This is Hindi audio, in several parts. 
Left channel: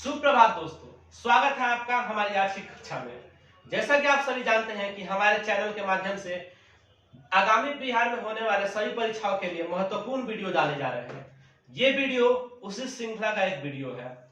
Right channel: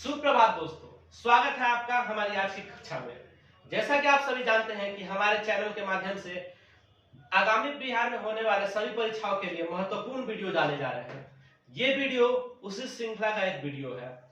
सुप्रभात दोस्तों, स्वागत है आपका हमारी आज की कक्षा में। जैसा कि आप सभी जानते हैं कि हमारे चैनल के माध्यम से आगामी बिहार में होने वाले सभी परीक्षाओं के लिए महत्वपूर्ण वीडियो डाले जा रहे हैं। ये वीडियो उसी श्रृंखला का एक वीडियो है।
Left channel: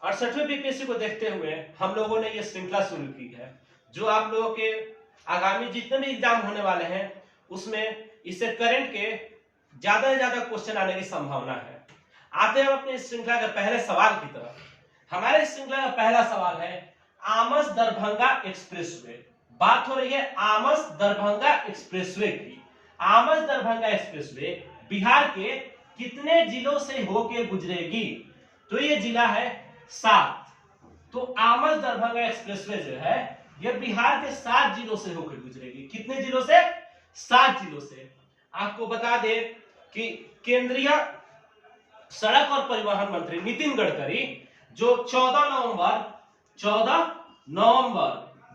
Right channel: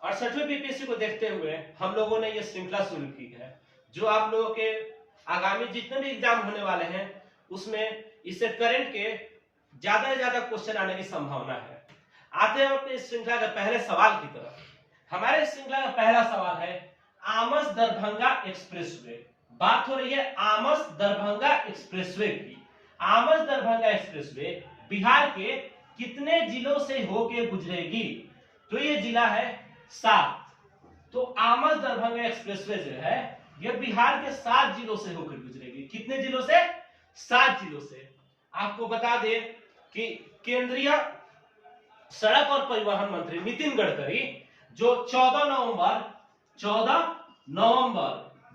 68वें बीपीएससी को देखते हुए हम लोगों ने ये श्रृंखला शुरू की है, जो आप लोगों के आगामी जितने भी एग्जाम होने वाले हैं उसमें इससे करंट के ज्यादा से ज्यादा क्वेश्चन आने की संभावना है। आते हैं अपने इस श्रृंखला के पहले सवाल की तरफ। हमारे इस श्रृंखला का पहला सवाल है आमस दरभंगा एक्सप्रेसवे। बात हो रही है आमस दरभंगा एक्सप्रेसवे की। आमस दरभंगा एक्सप्रेसवे बिहार के कितने जिलों से होके गुजरेगी? तो ये जिला है 7। तो आमस दरभंगा एक्सप्रेसवे जो है ये बिहार के 7 जिलों से होकर गुजरेगी। कितने जिलों से? 7 जिलों से। आपको बता दें कि केंद्रीय सड़क और परिवहन मंत्री नितिन गडकरी जो 14 नवंबर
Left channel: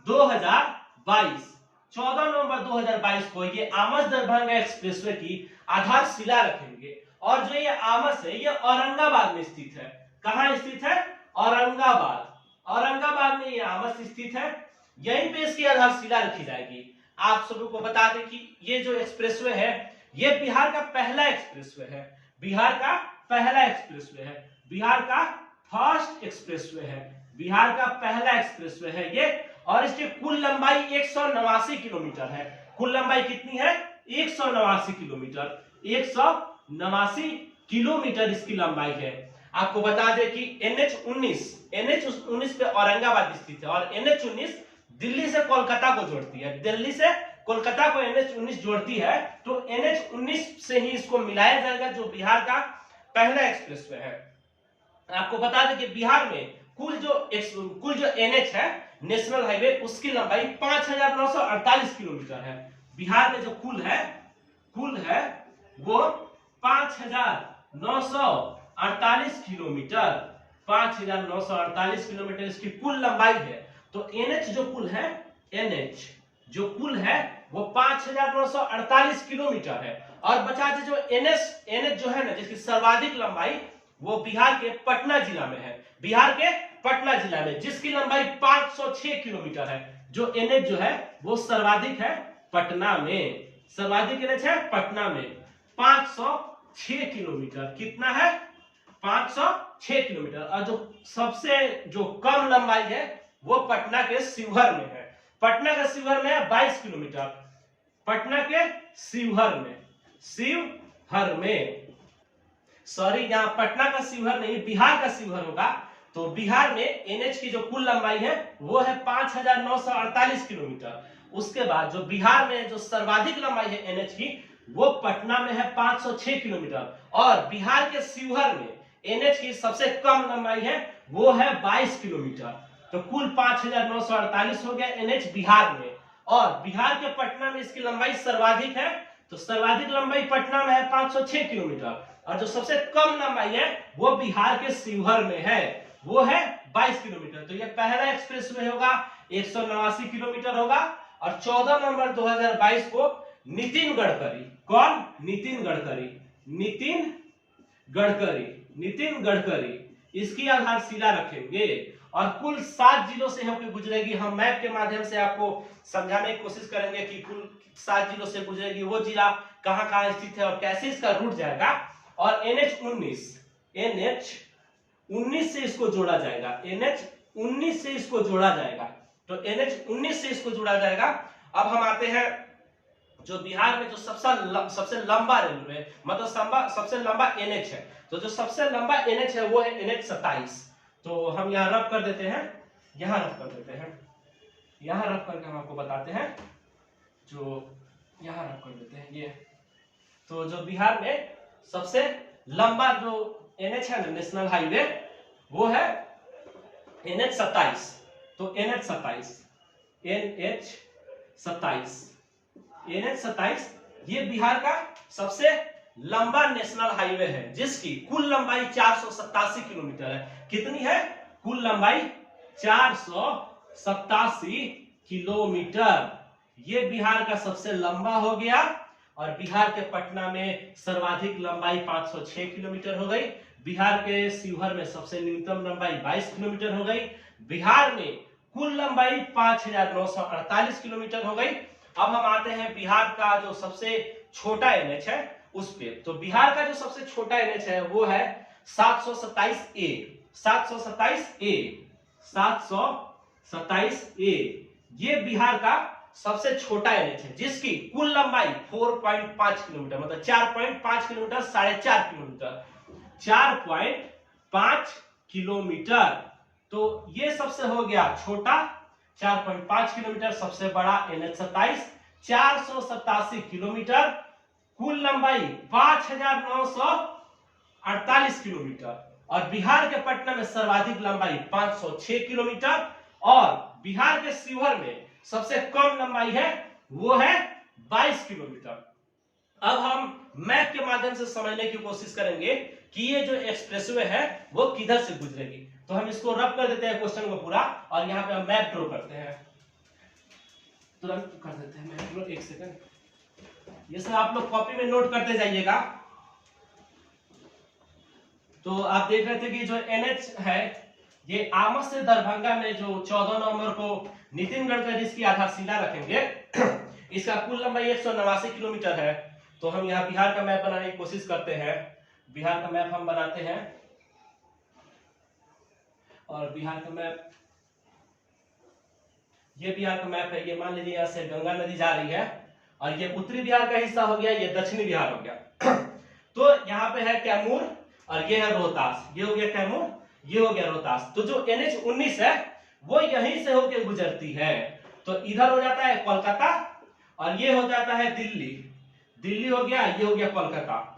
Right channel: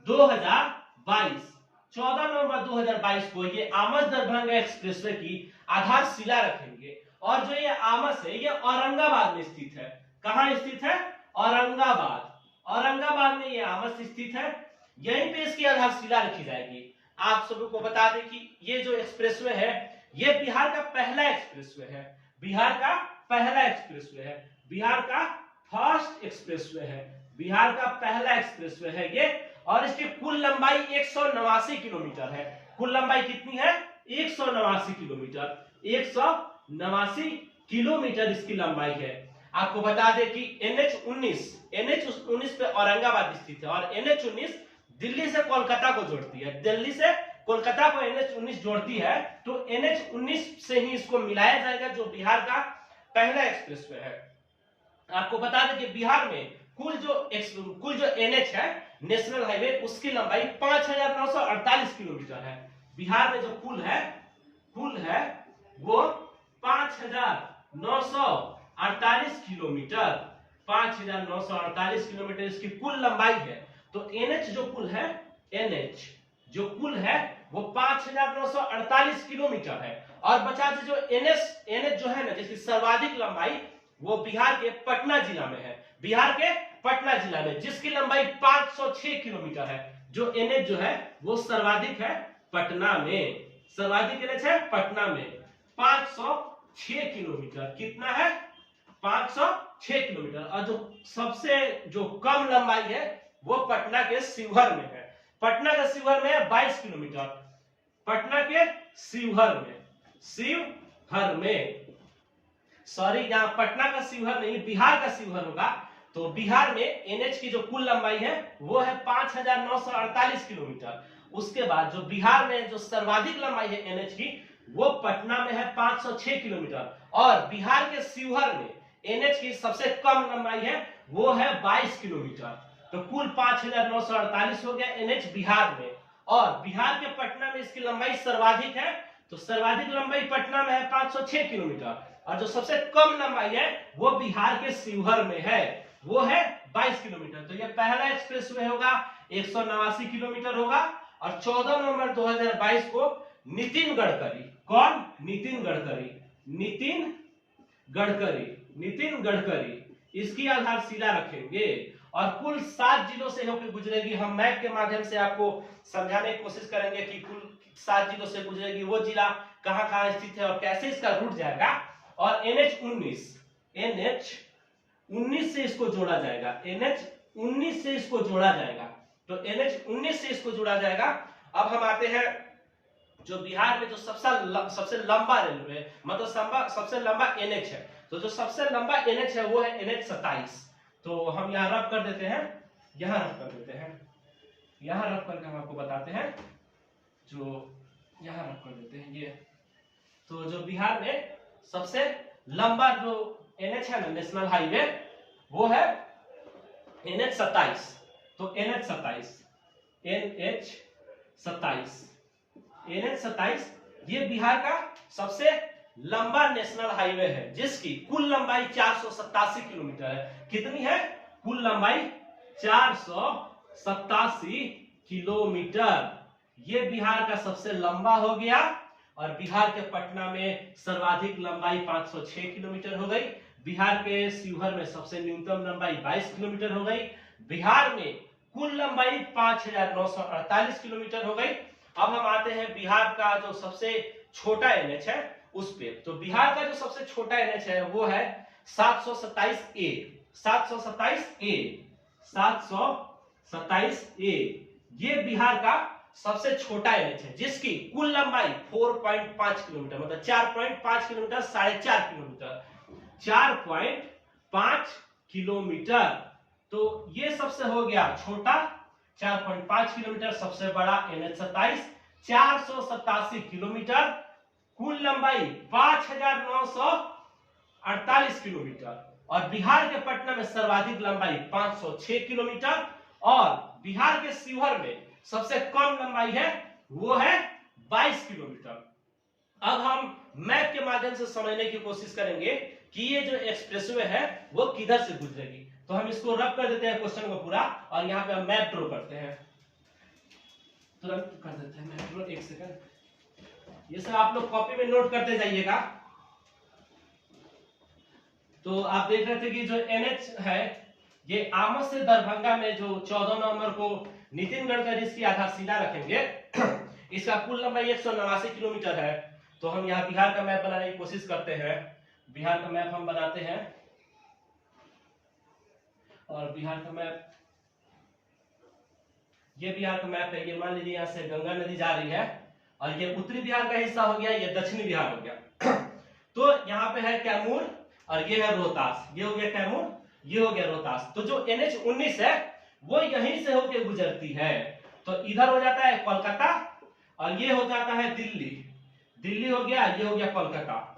2022 को ये आमस दरभंगा एक्सप्रेसवे की आधारशिला रखेंगे। और जो ये आमस है ये औरंगाबाद में स्थित है। कहां स्थित है? औरंगाबाद में ये आमस स्थित है। यहीं पे इसकी आधारशिला रखी जाएगी। आप सभी को बता दें कि ये जो एक्सप्रेसवे है ये बिहार का पहला एक्सप्रेसवे है। बिहार का पहला एक्सप्रेसवे है। बिहार का फर्स्ट एक्सप्रेसवे है। बिहार का पहला एक्सप्रेसवे है ये। और इसकी कुल लंबाई 189 किलोमीटर है। कुल लंबाई कितनी है? 189 किलोमीटर। 189 किलोमीटर इसकी लंबाई है। आपको बता दें कि NH19 पे औरंगाबाद स्थित है और NH19 दिल्ली से कोलकाता को जोड़ती है। दिल्ली से कोलकाता को NH19 जोड़ती है, तो NH19 से ही इसको मिलाया जाएगा, जो बिहार का पहला एक्सप्रेसवे है। आपको बता दें कि बिहार में कुल जो NH है, नेशनल हाईवे, उसकी लंबाई 5948 किलोमीटर है। बिहार में जो कुल है वो 5948 किलोमीटर। 5948 किलोमीटर इसकी कुल लंबाई है। तो NH जो कुल है वो 5948 किलोमीटर है। और बचा जो NH जो है ना, जिसकी सर्वाधिक लंबाई वो बिहार के पटना जिला में है। बिहार के पटना जिला में जिसकी लंबाई 506 किलोमीटर है। जो NH जो है वो सर्वाधिक है पटना में। सर्वाधिक NH है पटना में 506 किलोमीटर। कितना है? 506 किलोमीटर। और जो सबसे कम लंबाई है वो पटना के शिवहर में है। पटना के शिवहर में है 22 किलोमीटर। पटना के शिवहर में सॉरी, यहाँ पटना का शिवहर नहीं, बिहार का शिवहर होगा। तो बिहार में NH की जो कुल लंबाई है वो है 5948 किलोमीटर। उसके बाद जो बिहार में जो सर्वाधिक लंबाई है NH की वो पटना में है 506 किलोमीटर। और बिहार के शिवहर में NH की सबसे कम लंबाई है वो है 22 किलोमीटर। तो कुल 5948 हो गया NH बिहार में। और बिहार के पटना में इसकी लंबाई सर्वाधिक है, तो सर्वाधिक लंबाई पटना में है 506 किलोमीटर। और जो सबसे कम लंबाई है वो बिहार के शिवहर में है, वो है 22 किलोमीटर। तो ये पहला एक्सप्रेसवे होगा, 189 किलोमीटर होगा। और 14 नवंबर 2022 को नितिन गडकरी, कौन? नितिन गडकरी इसकी आधारशिला रखेंगे। और कुल 7 जिलों से होकर गुजरेगी। हम मैप के माध्यम से आपको समझाने की कोशिश करेंगे कि कुल 7 जिलों से गुजरेगी। वो जिला कहां कहां स्थित है और कैसे इसका रूट जाएगा। और NH19 से इसको जोड़ा जाएगा। NH19 से इसको जोड़ा जाएगा। तो NH19 से इसको जोड़ा जाएगा। अब हम आते हैं जो बिहार में जो सबसे लंबा रेलवे, मतलब सबसे लंबा NH है। तो जो सबसे लंबा NH है वो है NH27। तो हम यहाँ रफ कर देते हैं, यहाँ रफ करके हम आपको बताते हैं। जो यहाँ रफ कर देते हैं ये। तो जो बिहार में सबसे लंबा जो NH है ना, नेशनल हाईवे, वो है NH27। तो NH27 ये बिहार का सबसे लंबा नेशनल हाईवे है, जिसकी कुल लंबाई 487 किलोमीटर है। कितनी है? कुल लंबाई 487 किलोमीटर। ये बिहार का सबसे लंबा हो गया। और बिहार के पटना में सर्वाधिक लंबाई 506 किलोमीटर हो गई। बिहार के शिवहर में सबसे न्यूनतम लंबाई 22 किलोमीटर हो गई। बिहार में कुल लंबाई 5,948 किलोमीटर हो गई। अब हम आते हैं बिहार का जो सबसे छोटा एनएच है उस पे। तो बिहार का जो सबसे छोटा एनएच है वो है 727A। 727A ये बिहार का सबसे छोटा एनएच है, जिसकी कुल लंबाई 4.5 किलोमीटर, मतलब 4.5 किलोमीटर, 4.5 किलोमीटर, 4.5 किलोमीटर। तो ये सबसे हो गया छोटा 4.5 किलोमीटर, सबसे बड़ा NH 27 487 किलोमीटर, कुल लंबाई 5,948 किलोमीटर। और बिहार के पटना में सर्वाधिक लंबाई 506 किलोमीटर, और बिहार के शिवहर में सबसे कम लंबाई है वो है 22 किलोमीटर। अब हम मैप के माध्यम से समझने की कोशिश करेंगे कि ये जो एक्सप्रेसवे है वो किधर से गुजरेगी। तो हम इसको रब कर देते हैं क्वेश्चन को पूरा, और यहाँ पे हम मैप ड्रॉ करते हैं। तुरंत कर देते हैं मैप ड्रॉ, एक सेकंड। ये सब आप लोग कॉपी में नोट करते जाइएगा। तो आप देख रहे थे कि जो एनएच है ये आमस से दरभंगा में जो 14 नवंबर को नितिन गडकरी इसकी आधारशिला रखेंगे, इसका कुल लंबाई 189 किलोमीटर है। तो हम यहाँ बिहार का मैप बनाने की कोशिश करते हैं। बिहार का मैप हम बनाते हैं, और बिहार का मैप, ये बिहार का मैप है। ये मान लीजिए यहाँ से गंगा नदी जा रही है, और ये उत्तरी बिहार का हिस्सा हो गया, ये दक्षिणी बिहार हो गया। तो यहाँ पे है कैमूर, और ये है रोहतास। ये हो गया कैमूर, ये हो गया रोहतास। तो जो NH 19 है वो यहीं से होकर गुजरती है। तो इधर हो जाता है कोलकाता, और ये हो जाता है दिल्ली। दिल्ली हो गया, ये हो गया कोलकाता।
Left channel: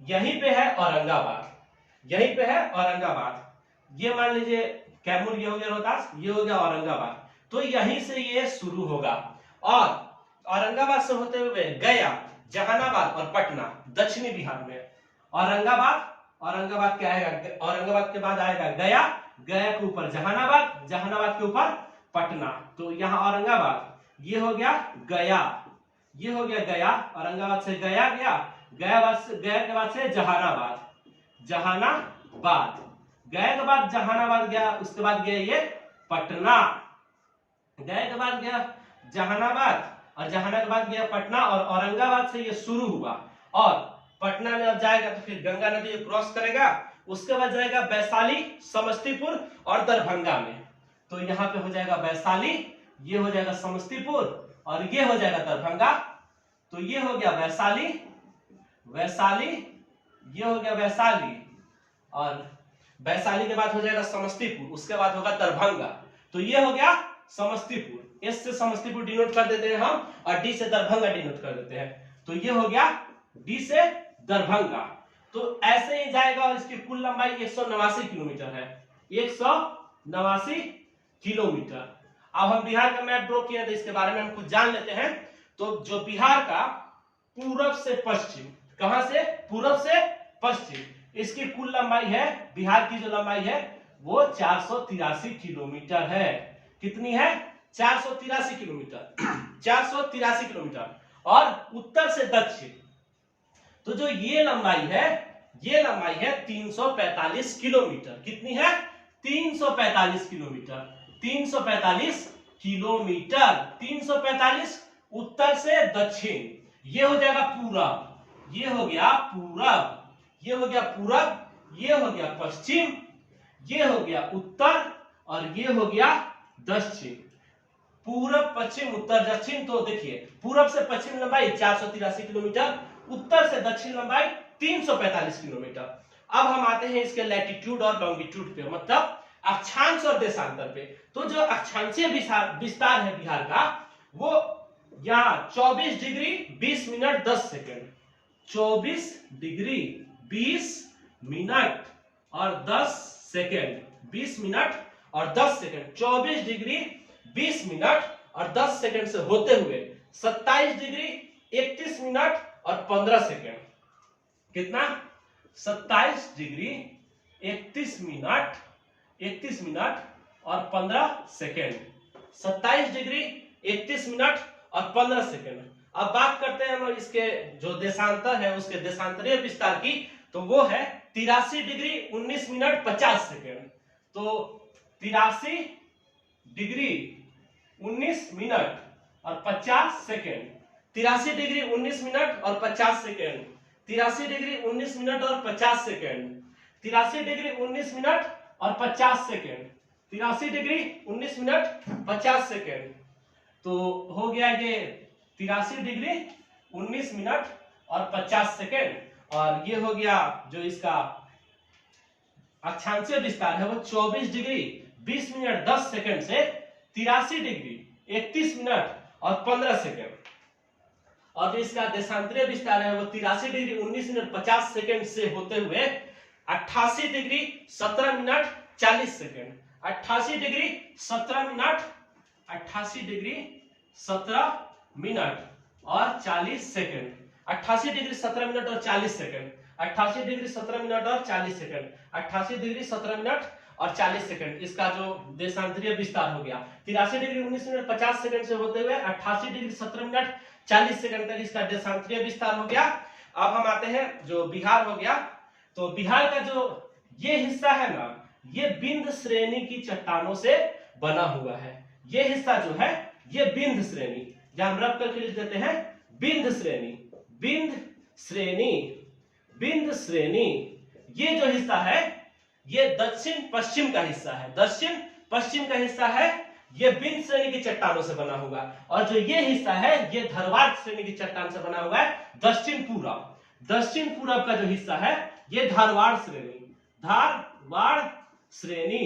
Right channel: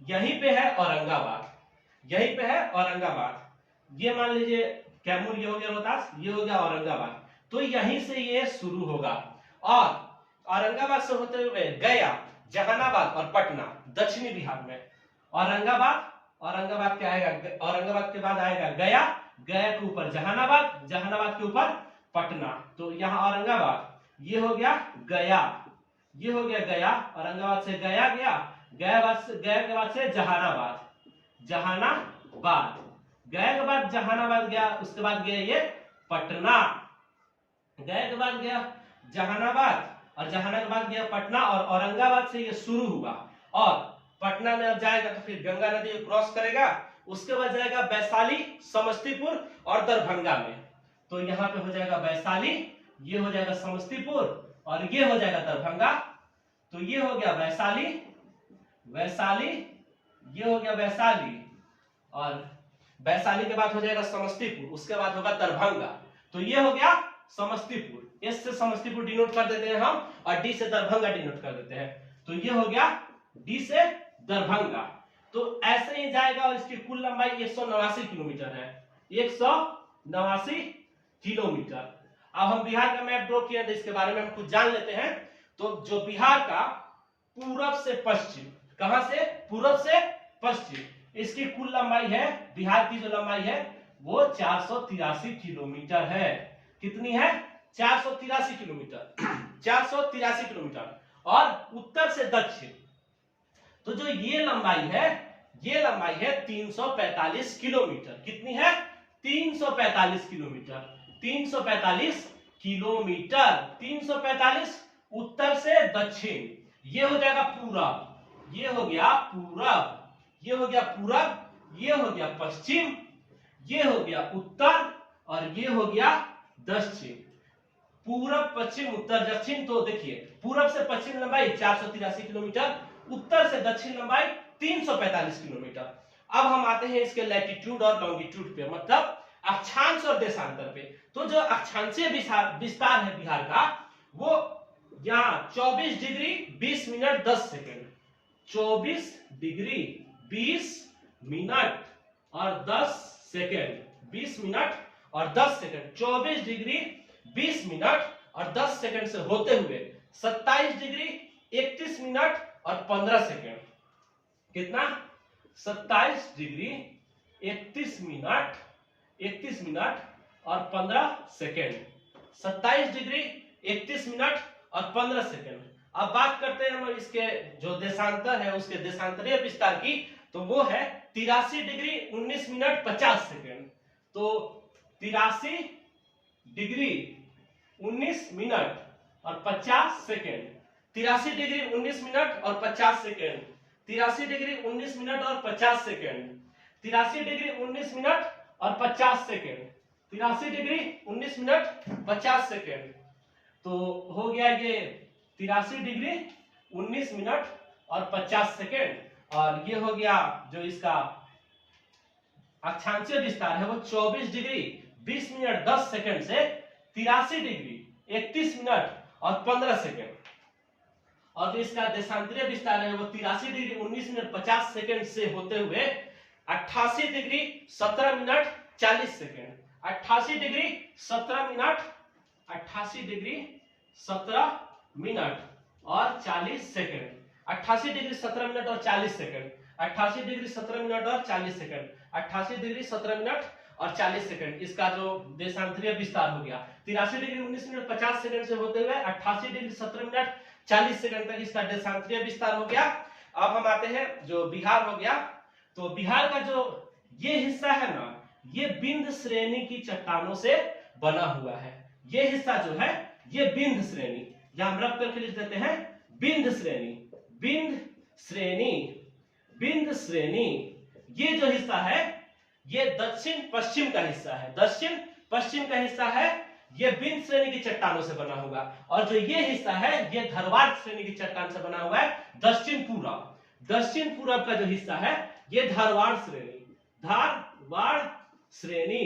यहीं पे है औरंगाबाद, यहीं पे है औरंगाबाद। ये मान लीजिए कैमूर, ये हो गया रोहतास, ये हो गया औरंगाबाद। तो यहीं से ये शुरू होगा, और औरंगाबाद से होते हुए गया, जहानाबाद और पटना दक्षिणी बिहार में। औरंगाबाद, औरंगाबाद क्या आएगा, औरंगाबाद के बाद आएगा गया, गया के ऊपर जहानाबाद, जहानाबाद के ऊपर पटना। तो यहाँ औरंगाबाद, ये हो गया गया, ये हो गया गया, औरंगाबाद से गया गया, गया के बाद से जहानाबाद, जहानाबाद, गया के बाद जहानाबाद गया, उसके बाद गया ये पटना, गया के बाद गया जहानाबाद, और जहानाबाद के बाद गया पटना, और औरंगाबाद से ये शुरू हुआ, और पटना में अब जाएगा तो फिर गंगा नदी क्रॉस करेगा, उसके बाद जाएगा वैशाली, समस्तीपुर और दरभंगा में। तो यहाँ पे हो जाएगा वैशाली, ये हो जाएगा समस्तीपुर, और ये हो जाएगा दरभंगा। तो ये हो गया वैशाली, वैशाली, ये हो गया वैशाली, और वैशाली के बाद हो जाएगा समस्तीपुर, उसके बाद होगा दरभंगा। तो ये हो गया समस्तीपुर। एस से समस्तीपुर डिनोट कर देते हैं हम, और डी से दरभंगा डिनोट कर देते हैं। तो ये हो गया डी से दरभंगा। तो ऐसे ही जाएगा, और इसकी कुल लंबाई 189 किलोमीटर है, 189 किलोमीटर। अब हम बिहार का मैप ड्रॉ किया, तो इसके बारे में हम कुछ जान लेते हैं। तो जो बिहार का पूरब से पश्चिम, कहां से, पूरब से पश्चिम, इसकी कुल लंबाई है, बिहार की जो लंबाई है वो 483 किलोमीटर है। कितनी है, 483 किलोमीटर, 483 किलोमीटर। और उत्तर से दक्षिण, तो जो ये लंबाई है, ये लंबाई है 345 किलोमीटर। कितनी है, 345 किलोमीटर, 345 किलोमीटर, 345 उत्तर से दक्षिण। ये हो जाएगा पूरब, ये हो गया पूरब, ये हो गया पूरब, ये हो गया पश्चिम, ये हो गया उत्तर, और ये हो गया दक्षिण। पूरब, पश्चिम, उत्तर, दक्षिण। तो देखिए पूरब से पश्चिम लंबाई 483 किलोमीटर, उत्तर से दक्षिण लंबाई 345 किलोमीटर। अब हम आते हैं इसके लैटिट्यूड और लॉन्गिट्यूड पे, मतलब अक्षांश और देशांतर पे। तो जो अक्षांशीय विस्तार है बिहार का, वो यहाँ 24 degree 20 minute 10 second, 24 degree 20 minute और 10 सेकेंड, 20 मिनट और 10 सेकेंड, 24 डिग्री 20 मिनट और 10 सेकेंड से होते हुए 27 डिग्री 31 मिनट और 15 सेकेंड। कितना, 27 डिग्री 31 मिनट, 31 मिनट और 15 सेकेंड, 27 डिग्री 31 मिनट और 15 सेकेंड। अब बात करते हैं हम इसके जो देशांतर है, उसके देशांतरीय विस्तार की। तो वो है 83 डिग्री 19 मिनट 50 सेकेंड। तो 83 डिग्री 19 मिनट और 50 सेकेंड, 83 डिग्री 19 मिनट और 50 सेकेंड, 83 डिग्री 19 मिनट और 50 सेकेंड, 83 डिग्री 19 मिनट और 50 सेकेंड, 83 डिग्री 19 मिनट 50 सेकेंड। तो हो गया ये 83 डिग्री 19 मिनट और 50 सेकेंड। और ये हो गया जो इसका अक्षांशीय विस्तार है वो 24 डिग्री 20 मिनट 10 सेकेंड से 83 डिग्री 31 मिनट और 15 सेकेंड। और जो इसका देशांतरीय विस्तार है वो 83 डिग्री 19 मिनट 50 सेकेंड से होते हुए 88 degree 17 minute 40 second, 88 degree 17 minute, 88 degree 17 minute और 40 सेकेंड, 88 डिग्री 17 मिनट और 40 सेकेंड, 88 डिग्री 17 मिनट और 40 सेकेंड, 88 डिग्री 17 मिनट और 40 सेकेंड। इसका जो देशांतरीय विस्तार हो गया 83 डिग्री 19 मिनट 50 सेकेंड से होते हुए 88 डिग्री 17 मिनट 40 सेकेंड तक इसका देशांतरीय विस्तार हो गया। अब हम आते हैं जो बिहार हो गया। तो बिहार का जो ये हिस्सा है ना, ये बिंद श्रेणी की चट्टानों से बना हुआ है। ये हिस्सा जो है ये बिंद श्रेणी, यहां हम रख करके लिख देते हैं बिंद श्रेणी, बिंद श्रेणी, बिंद श्रेणी। ये जो हिस्सा है ये दक्षिण पश्चिम का हिस्सा है, दक्षिण पश्चिम का हिस्सा है। ये बिंद श्रेणी की चट्टानों से बना हुआ। और जो ये हिस्सा है ये धरवाड़ श्रेणी की चट्टान से बना हुआ है, दक्षिण पूरब। दक्षिण पूरब का जो हिस्सा है ये धारवाड़ श्रेणी, धारवाड़ श्रेणी,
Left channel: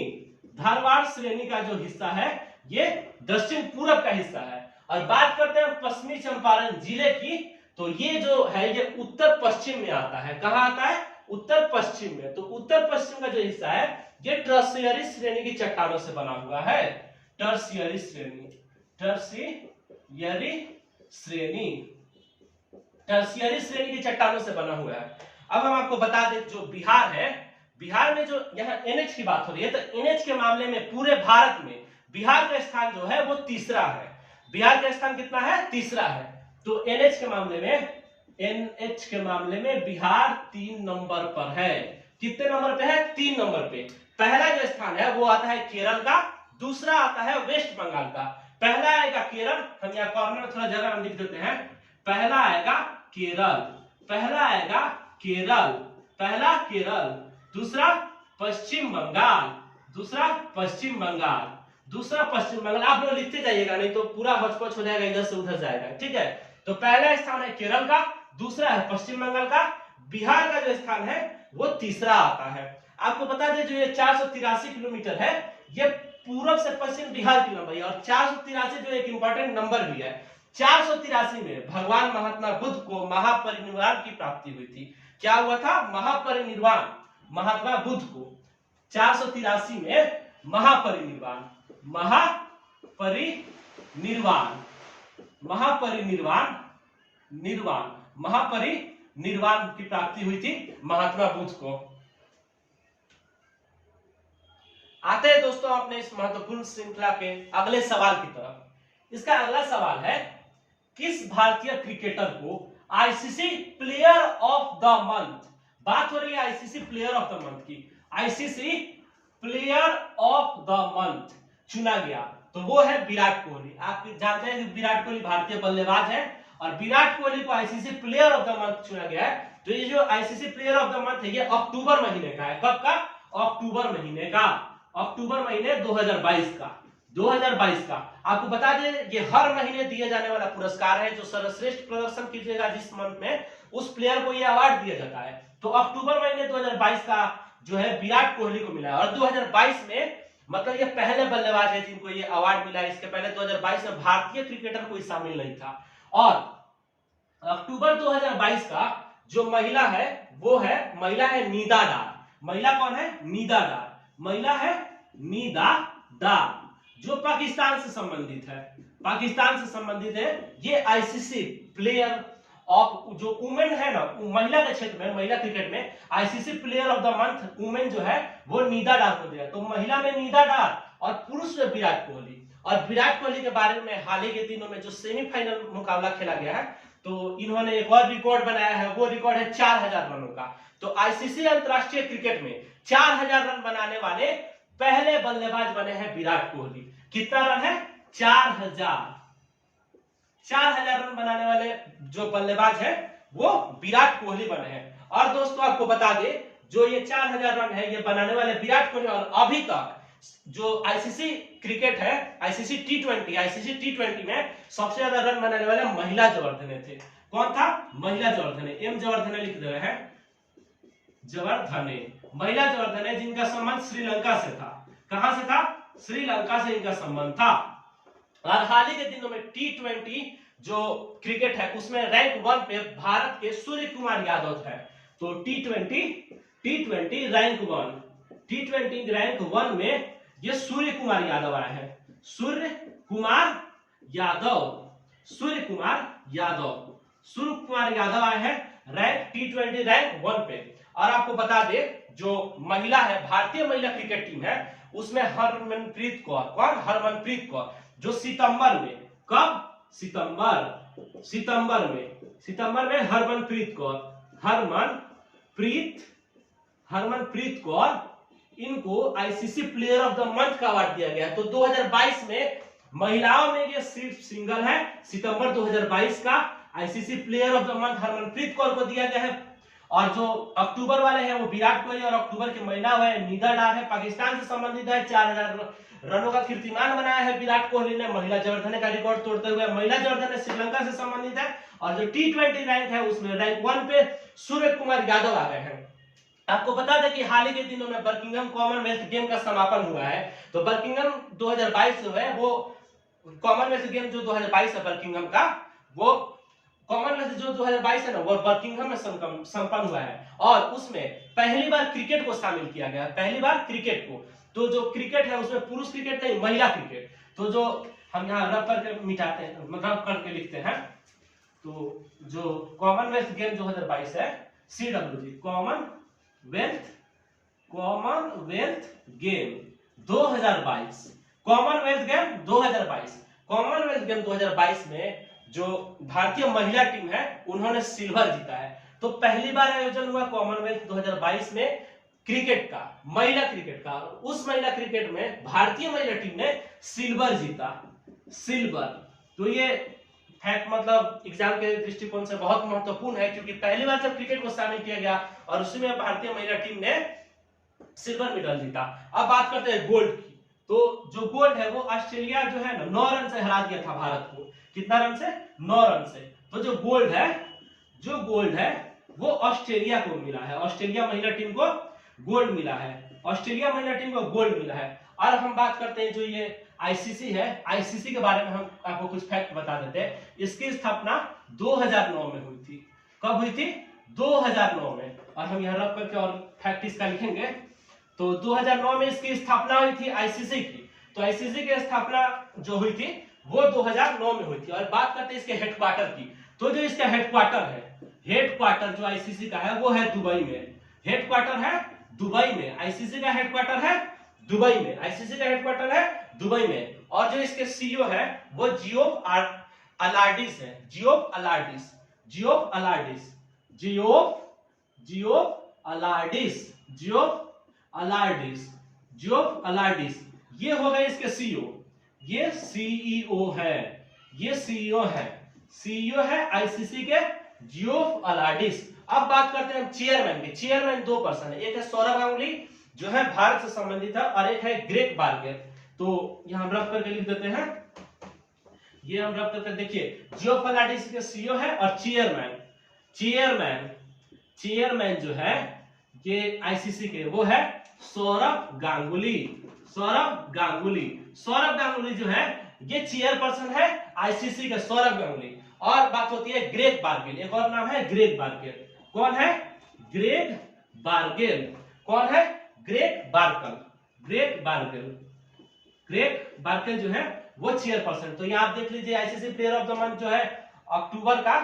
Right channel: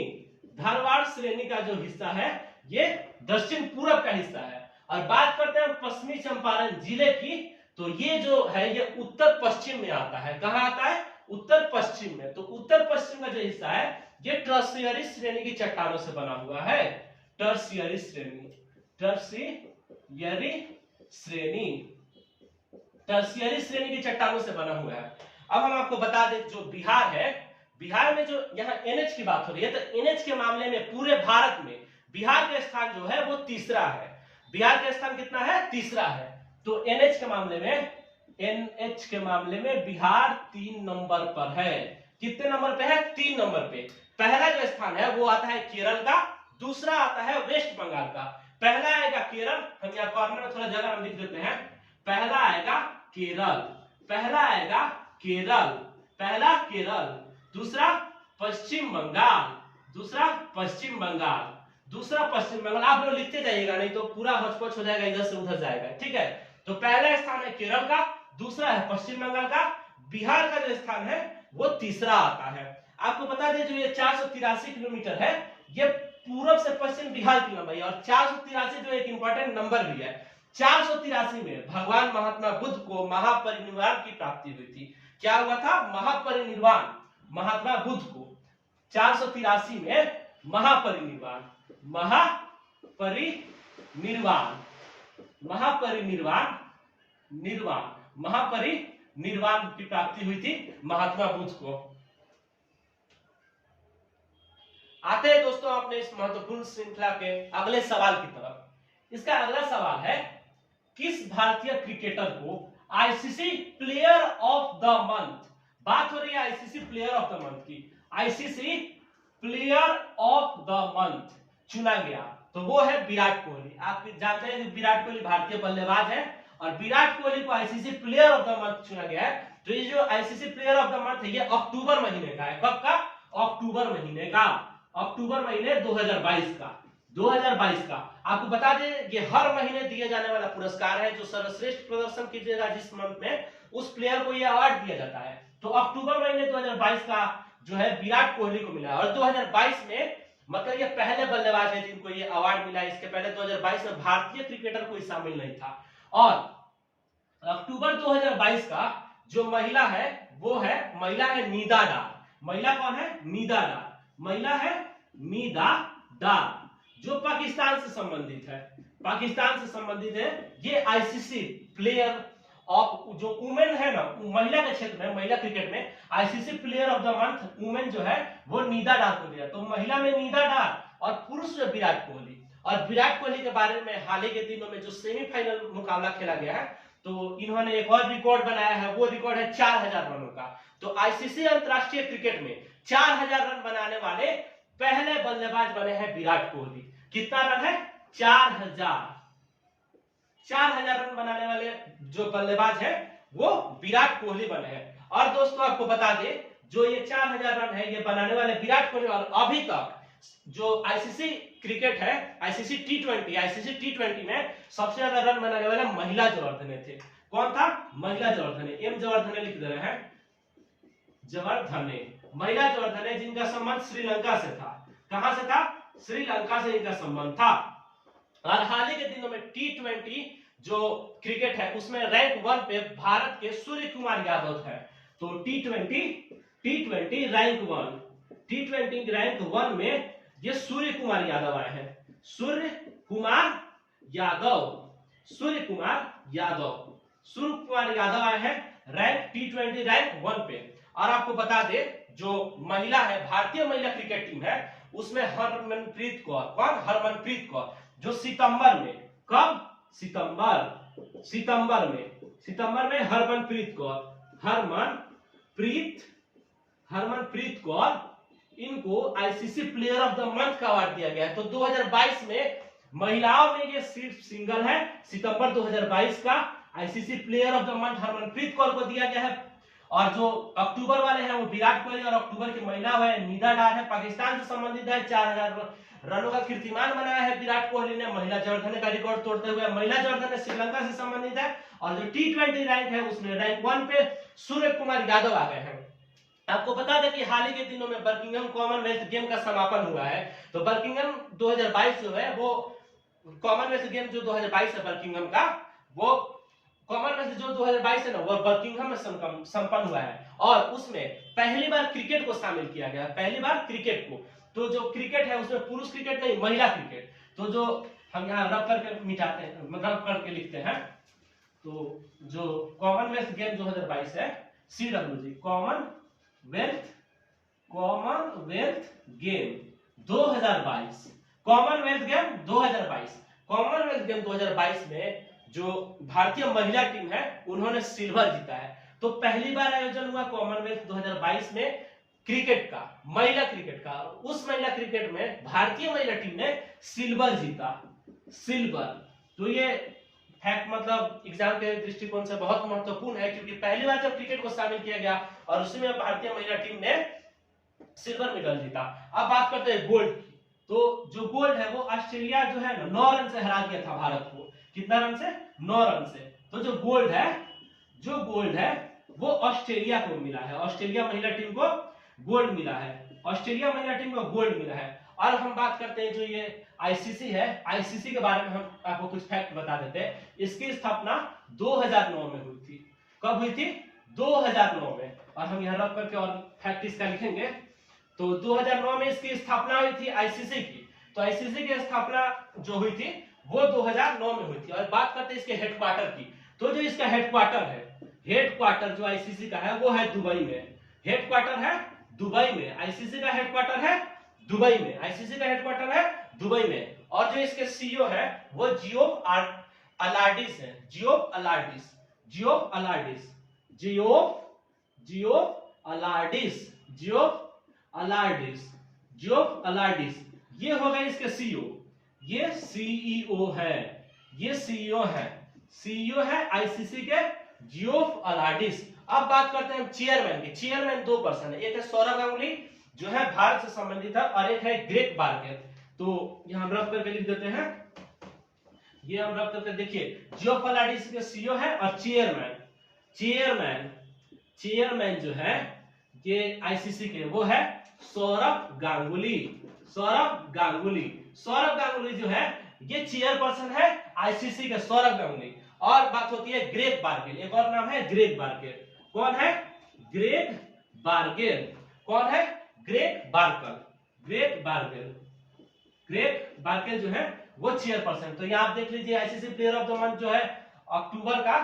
धारवाड़ श्रेणी का जो हिस्सा है ये दक्षिण पूरब का हिस्सा है। और बात करते हैं पश्चिमी चंपारण जिले की, तो ये जो है ये उत्तर पश्चिम में आता है। कहां आता है? उत्तर पश्चिम में। तो उत्तर पश्चिम का जो हिस्सा है ये टर्शियरी श्रेणी की चट्टानों से बना हुआ है, टर्शियरी श्रेणी, टर्शियरी श्रेणी, टर्शियरी श्रेणी की चट्टानों से बना हुआ है। अब हम आपको बता दें जो बिहार है, बिहार में जो यहाँ एनएच की बात हो रही है, तो एनएच के मामले में पूरे भारत में बिहार का स्थान जो है वो तीसरा है। बिहार का स्थान कितना है? तीसरा है। तो एनएच के मामले में, एनएच के मामले में बिहार 3 नंबर पर है। कितने नंबर पे है? 3 नंबर पे। पहला जो स्थान है वो आता है केरल का, दूसरा आता है वेस्ट बंगाल का। पहला आएगा केरल, हम यहाँ कॉर्नर में थोड़ा जगह हम लिख देते हैं। पहला आएगा केरल, पहला आएगा केरल, पहला केरल, दूसरा पश्चिम बंगाल, दूसरा पश्चिम बंगाल, दूसरा पश्चिम बंगाल। आप लोग लिखते जाइएगा नहीं तो पूरा होचपोच हो जाएगा, इधर से उधर जाएगा। ठीक है, तो पहला स्थान है केरल का, दूसरा है पश्चिम बंगाल का, बिहार का जो स्थान है वो तीसरा आता है। आपको बता दें जो ये 483 किलोमीटर है ये पूरब से पश्चिम बिहार की लंबाई है। और 483 जो एक इंपॉर्टेंट नंबर भी है, 483 में भगवान महात्मा बुद्ध को महापरिनिर्वाण की प्राप्ति हुई थी। क्या हुआ था? महापरिनिर्वाण, महात्मा बुद्ध को 483 में महापरिनिर्वाण, महापरिनिर्वाण, महापरिनिर्वाण, निर्वाण, महापरिनिर्वाण की प्राप्ति हुई थी महात्मा बुद्ध को। आते हैं दोस्तों अपने इस महत्वपूर्ण श्रृंखला के अगले सवाल की तरफ। इसका अगला सवाल है, किस भारतीय क्रिकेटर को ICC player of the month, बात हो रही है ICC player of the month की, ICC player of the month चुना गया? तो वो है विराट कोहली। आप जानते हैं कि विराट कोहली भारतीय बल्लेबाज है और विराट कोहली को ICC player of the month चुना गया है। तो ये जो ICC player of the month है ये अक्टूबर महीने का है। कब का? अक्टूबर महीने का, अक्टूबर महीने 2022 का, 2022 का। आपको बता दें ये हर महीने दिए जाने वाला पुरस्कार है। जो सर्वश्रेष्ठ प्रदर्शन कीजिएगा जिस मंथ में, उस प्लेयर को ये अवार्ड दिया जाता है। तो अक्टूबर महीने 2022 का जो है विराट कोहली को मिला है। और 2022 में मतलब ये पहले बल्लेबाज है जिनको ये अवार्ड मिला है। इसके पहले 2022 में भारतीय क्रिकेटर कोई शामिल नहीं था। और अक्टूबर 2022 का जो महिला है वो है, महिला है नीदा डार। महिला कौन है? नीदा डार। महिला है नीदा डार जो पाकिस्तान से संबंधित है, पाकिस्तान से संबंधित है। ये आईसीसी प्लेयर ऑफ जो वुमेन है ना, महिला के क्षेत्र में, महिला क्रिकेट में ICC player of the month women जो है वो नीदा डार को दिया। तो महिला में नीदा डार और पुरुष में विराट कोहली। और विराट कोहली के बारे में हाल ही के दिनों में जो सेमीफाइनल मुकाबला खेला गया है तो इन्होंने एक और रिकॉर्ड बनाया है, वो रिकॉर्ड है 4000 रनों का। तो आईसीसी अंतरराष्ट्रीय क्रिकेट में 4000 रन बनाने वाले पहले बल्लेबाज बने हैं विराट कोहली। कितना रन है? 4000 रन बनाने वाले जो बल्लेबाज है वो विराट कोहली बने हैं। और दोस्तों आपको बता दे, जो ये 4000 रन है ये बनाने वाले विराट कोहली, और अभी तक जो आईसीसी क्रिकेट है, आईसीसी टी20 में सबसे ज्यादा रन बनाने वाले महिला जवर्धने थे। कौन था? महिला जवर्धने। एम जवर्धने लिख दे रहे हैं, जवर्धने, महिला जवर्धने, जिनका संबंध श्रीलंका से था। कहां से था? श्रीलंका से इनका संबंध था। और हाल ही के दिनों में टी20 जो क्रिकेट है उसमें रैंक 1 पे भारत के सूर्य कुमार यादव है। तो टी20 रैंक 1 में ये सूर्य कुमार यादव आए हैं। सूर्य कुमार यादव आए हैं रैंक टी20 रैंक 1 पे। और आपको बता दे, जो महिला है, भारतीय महिला क्रिकेट टीम है, उसमें हरमनप्रीत कौर। कौन? हरमनप्रीत कौर, जो सितंबर में, कब? सितंबर में हरमनप्रीत कौर, इनको ICC player of the month का अवार्ड दिया गया है। तो 2022 में महिलाओं में ये सिर्फ सिंगल है, सितंबर 2022 का ICC player of the month Harmanpreet Kaur को दिया गया है। और जो अक्टूबर वाले हैं वो विराट कोहली, और अक्टूबर की महिला है निदा डार है, पाकिस्तान से संबंधित है। 4000 रनों का कीर्तिमान बनाया है विराट कोहली ने महिला जवर्धने का रिकॉर्ड तोड़ते हुए। महिला जवर्धने श्रीलंका से संबंधित है। और जो टी20 रैंक है उसमें रैंक 1 पे सूर्य कुमार यादव आ गए हैं। आपको बता दें कि हाल ही के दिनों में बर्मिंघम कॉमनवेल्थ गेम का समापन हुआ है। तो बर्मिंघम 2022 जो है वो कॉमनवेल्थ गेम जो 2022 है बर्मिंघम का, वो कॉमनवेल्थ जो 2022 है ना, वो बर्मिंघम में संपन्न हुआ है। और उसमें पहली बार क्रिकेट को शामिल किया गया, पहली बार क्रिकेट को। तो जो क्रिकेट है उसमें पुरुष क्रिकेट नहीं, महिला क्रिकेट। तो जो हम यहाँ रब करके मिटाते हैं, रब करके लिखते हैं, तो जो कॉमनवेल्थ गेम 2022 है, CWG Commonwealth game 2022, Commonwealth game 2022 में जो भारतीय महिला टीम है उन्होंने सिल्वर जीता है। तो पहली बार आयोजन हुआ कॉमनवेल्थ 2022 में क्रिकेट का, महिला क्रिकेट का। उस महिला क्रिकेट में भारतीय महिला टीम ने सिल्वर जीता, सिल्वर। तो ये फैक्ट मतलब एग्जाम के दृष्टिकोण से बहुत महत्वपूर्ण है, क्योंकि पहली बार जब क्रिकेट को शामिल किया गया और उसमें भारतीय महिला टीम ने सिल्वर मेडल जीता। अब बात करते हैं गोल्ड की। तो जो गोल्ड है वो ऑस्ट्रेलिया जो है ना 9 रन से हरा दिया था भारत को। कितना रन से? 9 रन से। तो जो गोल्ड है वो ऑस्ट्रेलिया को मिला है, ऑस्ट्रेलिया महिला टीम को गोल्ड मिला है, ऑस्ट्रेलिया महिला टीम को गोल्ड मिला है। और हम बात करते हैं जो ये आईसीसी है, आईसीसी के बारे में हम आपको कुछ फैक्ट बता देते हैं। इसकी स्थापना 2009 में हुई थी। कब हुई थी? 2009 में। और हम यहाँ रख करके और फैक्ट इसका लिखेंगे। तो 2009 में इसकी स्थापना हुई थी आईसीसी की। तो आईसीसी की स्थापना जो हुई थी वो 2009 में हुई थी। और बात करते हैं इसके हेडक्वार्टर की। तो जो इसका हेडक्वार्टर जो आईसीसी का है वो है दुबई में। हेडक्वार्टर है दुबई में, आईसीसी का हेडक्वार्टर है दुबई में, आईसीसी का हेडक्वार्टर है दुबई में। और जो इसके सीईओ है वो जियोफ अलार्डिस है, जियोफ अलार्डिस, ये हो गए इसके सीईओ। ये सीईओ है आईसीसी के जियोफ अलार्डिस। अब बात करते हैं हम चेयरमैन की। चेयरमैन 2 पर्सन है, एक है सौरभ गांगुली जो है भारत से संबंधित है, और एक है ग्रेग बार्कर। तो यहां हम रख करके लिख देते हैं, ये हम रख करके देखिए, जियोफ अलार्डिस के सीईओ है। और चेयरमैन जो है ये आईसीसी के वो है सौरभ गांगुली जो है ये चेयरपर्सन है आईसीसी के, सौरभ गांगुली। और बात होती है ग्रेग बार्गेल, एक और नाम है ग्रेग बार्गेल। कौन है? ग्रेग बार्गेल जो है वो चेयरपर्सन। तो यहाँ आप देख लीजिए, ICC player of the month जो है अक्टूबर का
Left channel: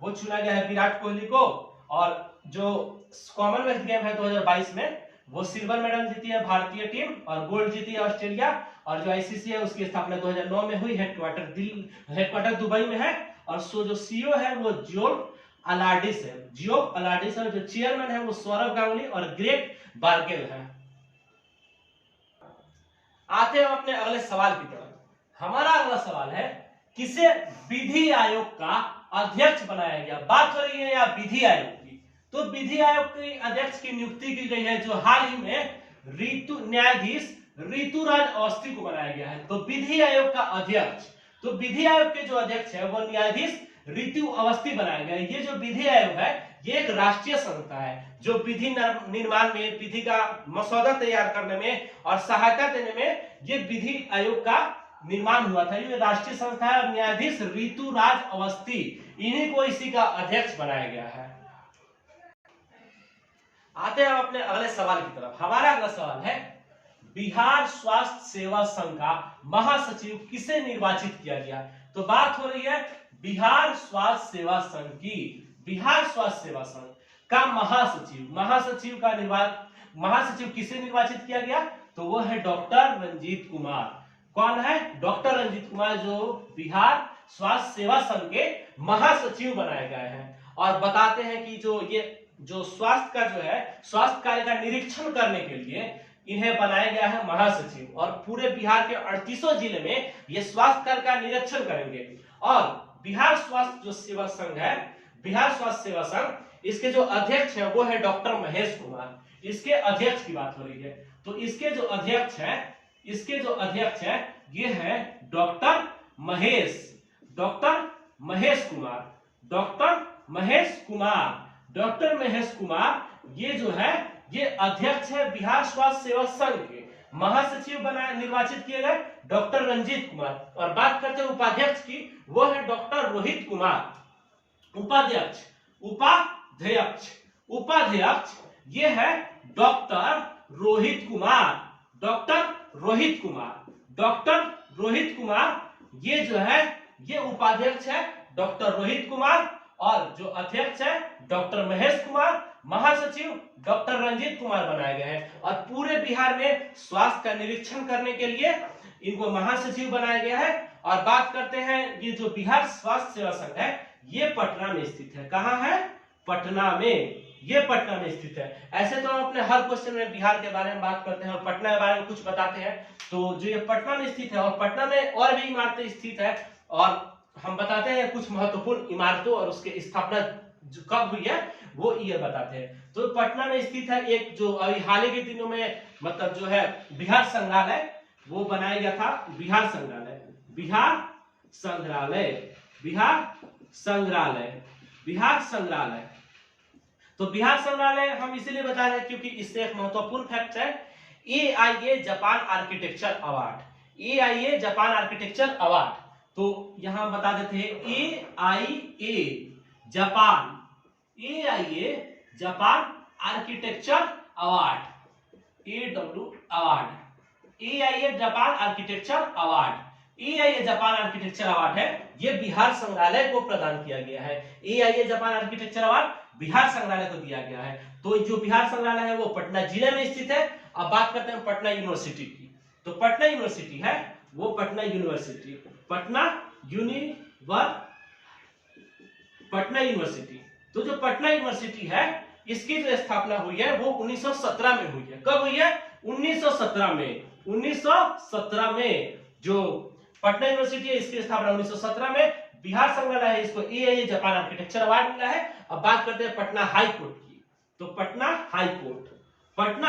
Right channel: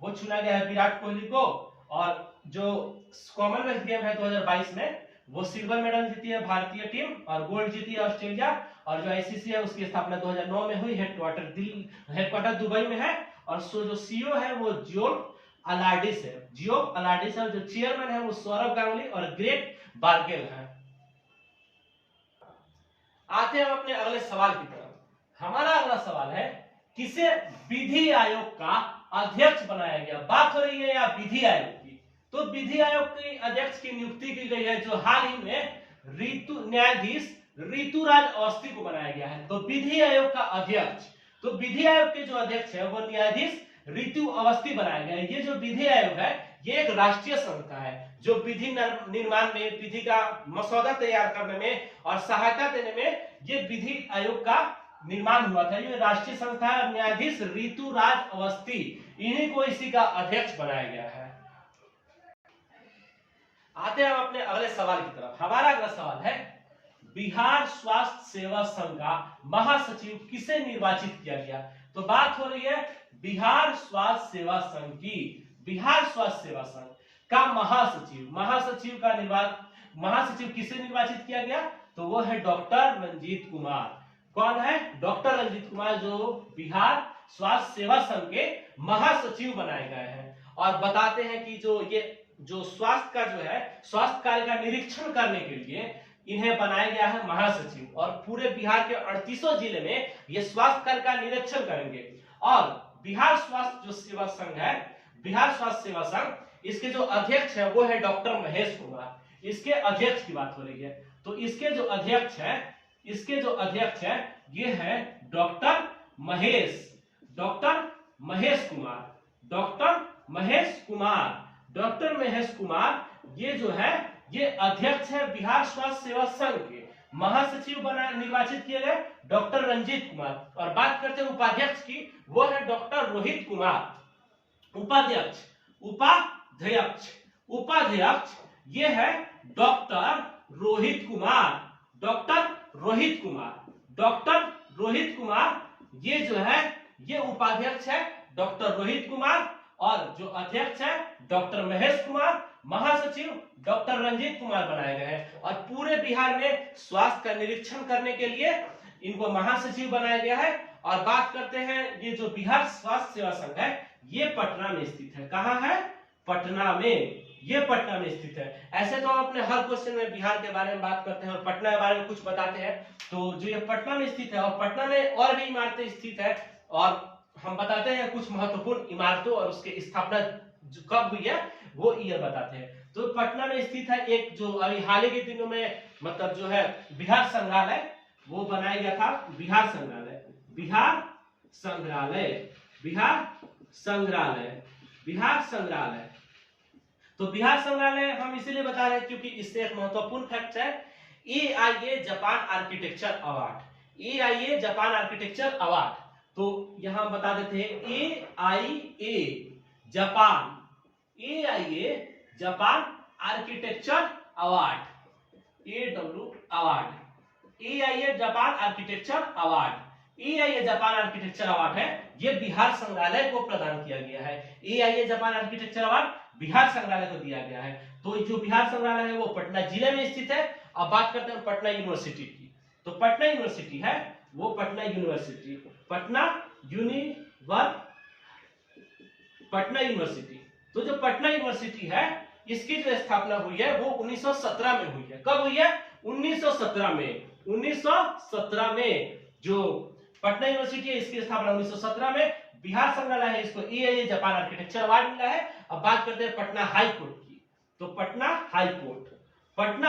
वो चुना गया है विराट कोहली को। और जो कॉमनवेल्थ गेम है 2022 में वो सिल्वर मेडल जीती है भारतीय टीम और गोल्ड जीती है ऑस्ट्रेलिया। और जो आईसीसी है उसकी स्थापना 2009 में हुई, हेडक्वार्टर दुबई में है। और जो सीईओ है वो जियोफ अलार्डिस है, जियो अलार्डिस है। जो चेयरमैन है वो सौरभ गांगुली और ग्रेग बार्केल है। आते हैं अपने अगले सवाल की तरफ। हमारा अगला सवाल है किसे विधि आयोग का अध्यक्ष बनाया गया। बात हो रही है या विधि आयोग की, तो विधि आयोग के अध्यक्ष की नियुक्ति की गई है जो हाल ही में न्यायाधीश ऋतुराज अवस्थी को बनाया गया है। तो विधि आयोग का अध्यक्ष, तो विधि आयोग के जो अध्यक्ष है वो न्यायाधीश ऋतु अवस्थी बनाया गया है। ये जो विधि आयोग है ये एक राष्ट्रीय संस्था है जो विधि निर्माण में, विधि का मसौदा तैयार करने में और सहायता देने में ये विधि आयोग का निर्माण हुआ था। ये राष्ट्रीय संस्था है। न्यायाधीश ऋतुराज अवस्थी, इन्हीं को इसी का अध्यक्ष बनाया गया है। आते हैं अपने अगले सवाल की तरफ। हमारा अगला सवाल है बिहार स्वास्थ्य सेवा संघ का महासचिव किसे निर्वाचित किया गया। तो बात हो रही है बिहार स्वास्थ्य सेवा संघ की। बिहार स्वास्थ्य सेवा संघ का महासचिव किसे निर्वाचित किया गया, तो वो है डॉक्टर रंजीत कुमार। कौन है? डॉक्टर रंजीत कुमार, जो बिहार स्वास्थ्य सेवा संघ के महासचिव बनाए गए हैं। और बताते हैं कि जो स्वास्थ्य का जो है स्वास्थ्य कार्य का निरीक्षण करने के लिए इन्हें बनाया गया है महासचिव। और पूरे बिहार के 38 जिले में ये स्वास्थ्य कार्य का निरीक्षण करेंगे। और बिहार स्वास्थ्य जो सेवा संघ है, बिहार स्वास्थ्य सेवा संघ, इसके जो अध्यक्ष है वो है डॉक्टर महेश कुमार। इसके अध्यक्ष की बात हो रही है। तो इसके जो अध्यक्ष है ये है डॉक्टर महेश कुमार। डॉक्टर महेश कुमार ये जो है ये अध्यक्ष है बिहार स्वास्थ्य सेवा संघ के। महासचिव निर्वाचित किए गए डॉक्टर रंजीत कुमार। और बात करते हैं उपाध्यक्ष की, वो है डॉक्टर रोहित कुमार। उपाध्यक्ष ये है डॉक्टर रोहित कुमार। ये जो है ये उपाध्यक्ष है डॉक्टर रोहित कुमार और जो अध्यक्ष है डॉक्टर महेश कुमार। महासचिव डॉक्टर रंजीत कुमार बनाए गए हैं। और पूरे बिहार में स्वास्थ्य का निरीक्षण करने के लिए इनको महासचिव बनाया गया है। और बात करते हैं ये जो बिहार स्वास्थ्य सेवा संघ है ये पटना में स्थित है। कहाँ है? पटना में। ये पटना में स्थित है। ऐसे तो हम अपने हर क्वेश्चन में बिहार के बारे में बात करते हैं और पटना के बारे में कुछ बताते हैं। तो जो ये पटना में स्थित है और पटना में और भी इमारतें स्थित है और हम बताते हैं कुछ महत्वपूर्ण इमारतों और उसके स्थापना जो कब हुई है वो ईयर बताते हैं। तो पटना में स्थित है एक जो अभी हाल ही के दिनों में मतलब जो है बिहार संग्रहालय वो बनाया गया था। बिहार संग्रहालय। तो बिहार संग्रहालय हम इसीलिए बता रहे हैं क्योंकि इससे एक महत्वपूर्ण फैक्ट है AIA जापान आर्किटेक्चर अवार्ड। तो यहां हम बता देते हैं AIA Japan architecture award, AIA Japan architecture award है। ये बिहार संग्रहालय को प्रदान किया गया है। AIA Japan architecture award Bihar संग्रहालय को दिया गया है। तो जो बिहार संग्रहालय है वो पटना जिले में स्थित है। अब बात करते हैं पटना यूनिवर्सिटी की। तो पटना यूनिवर्सिटी है वो पटना यूनिवर्सिटी। तो जो पटना यूनिवर्सिटी है इसकी जो स्थापना हुई है वो 1917 में हुई है। कब हुई है? 1917 में जो पटना यूनिवर्सिटी है इसकी स्थापना 1917 में। बिहार संग्रहालय है इसको AIA जापान आर्किटेक्चर अवार्ड मिला है। अब बात करते हैं पटना हाई कोर्ट की। तो पटना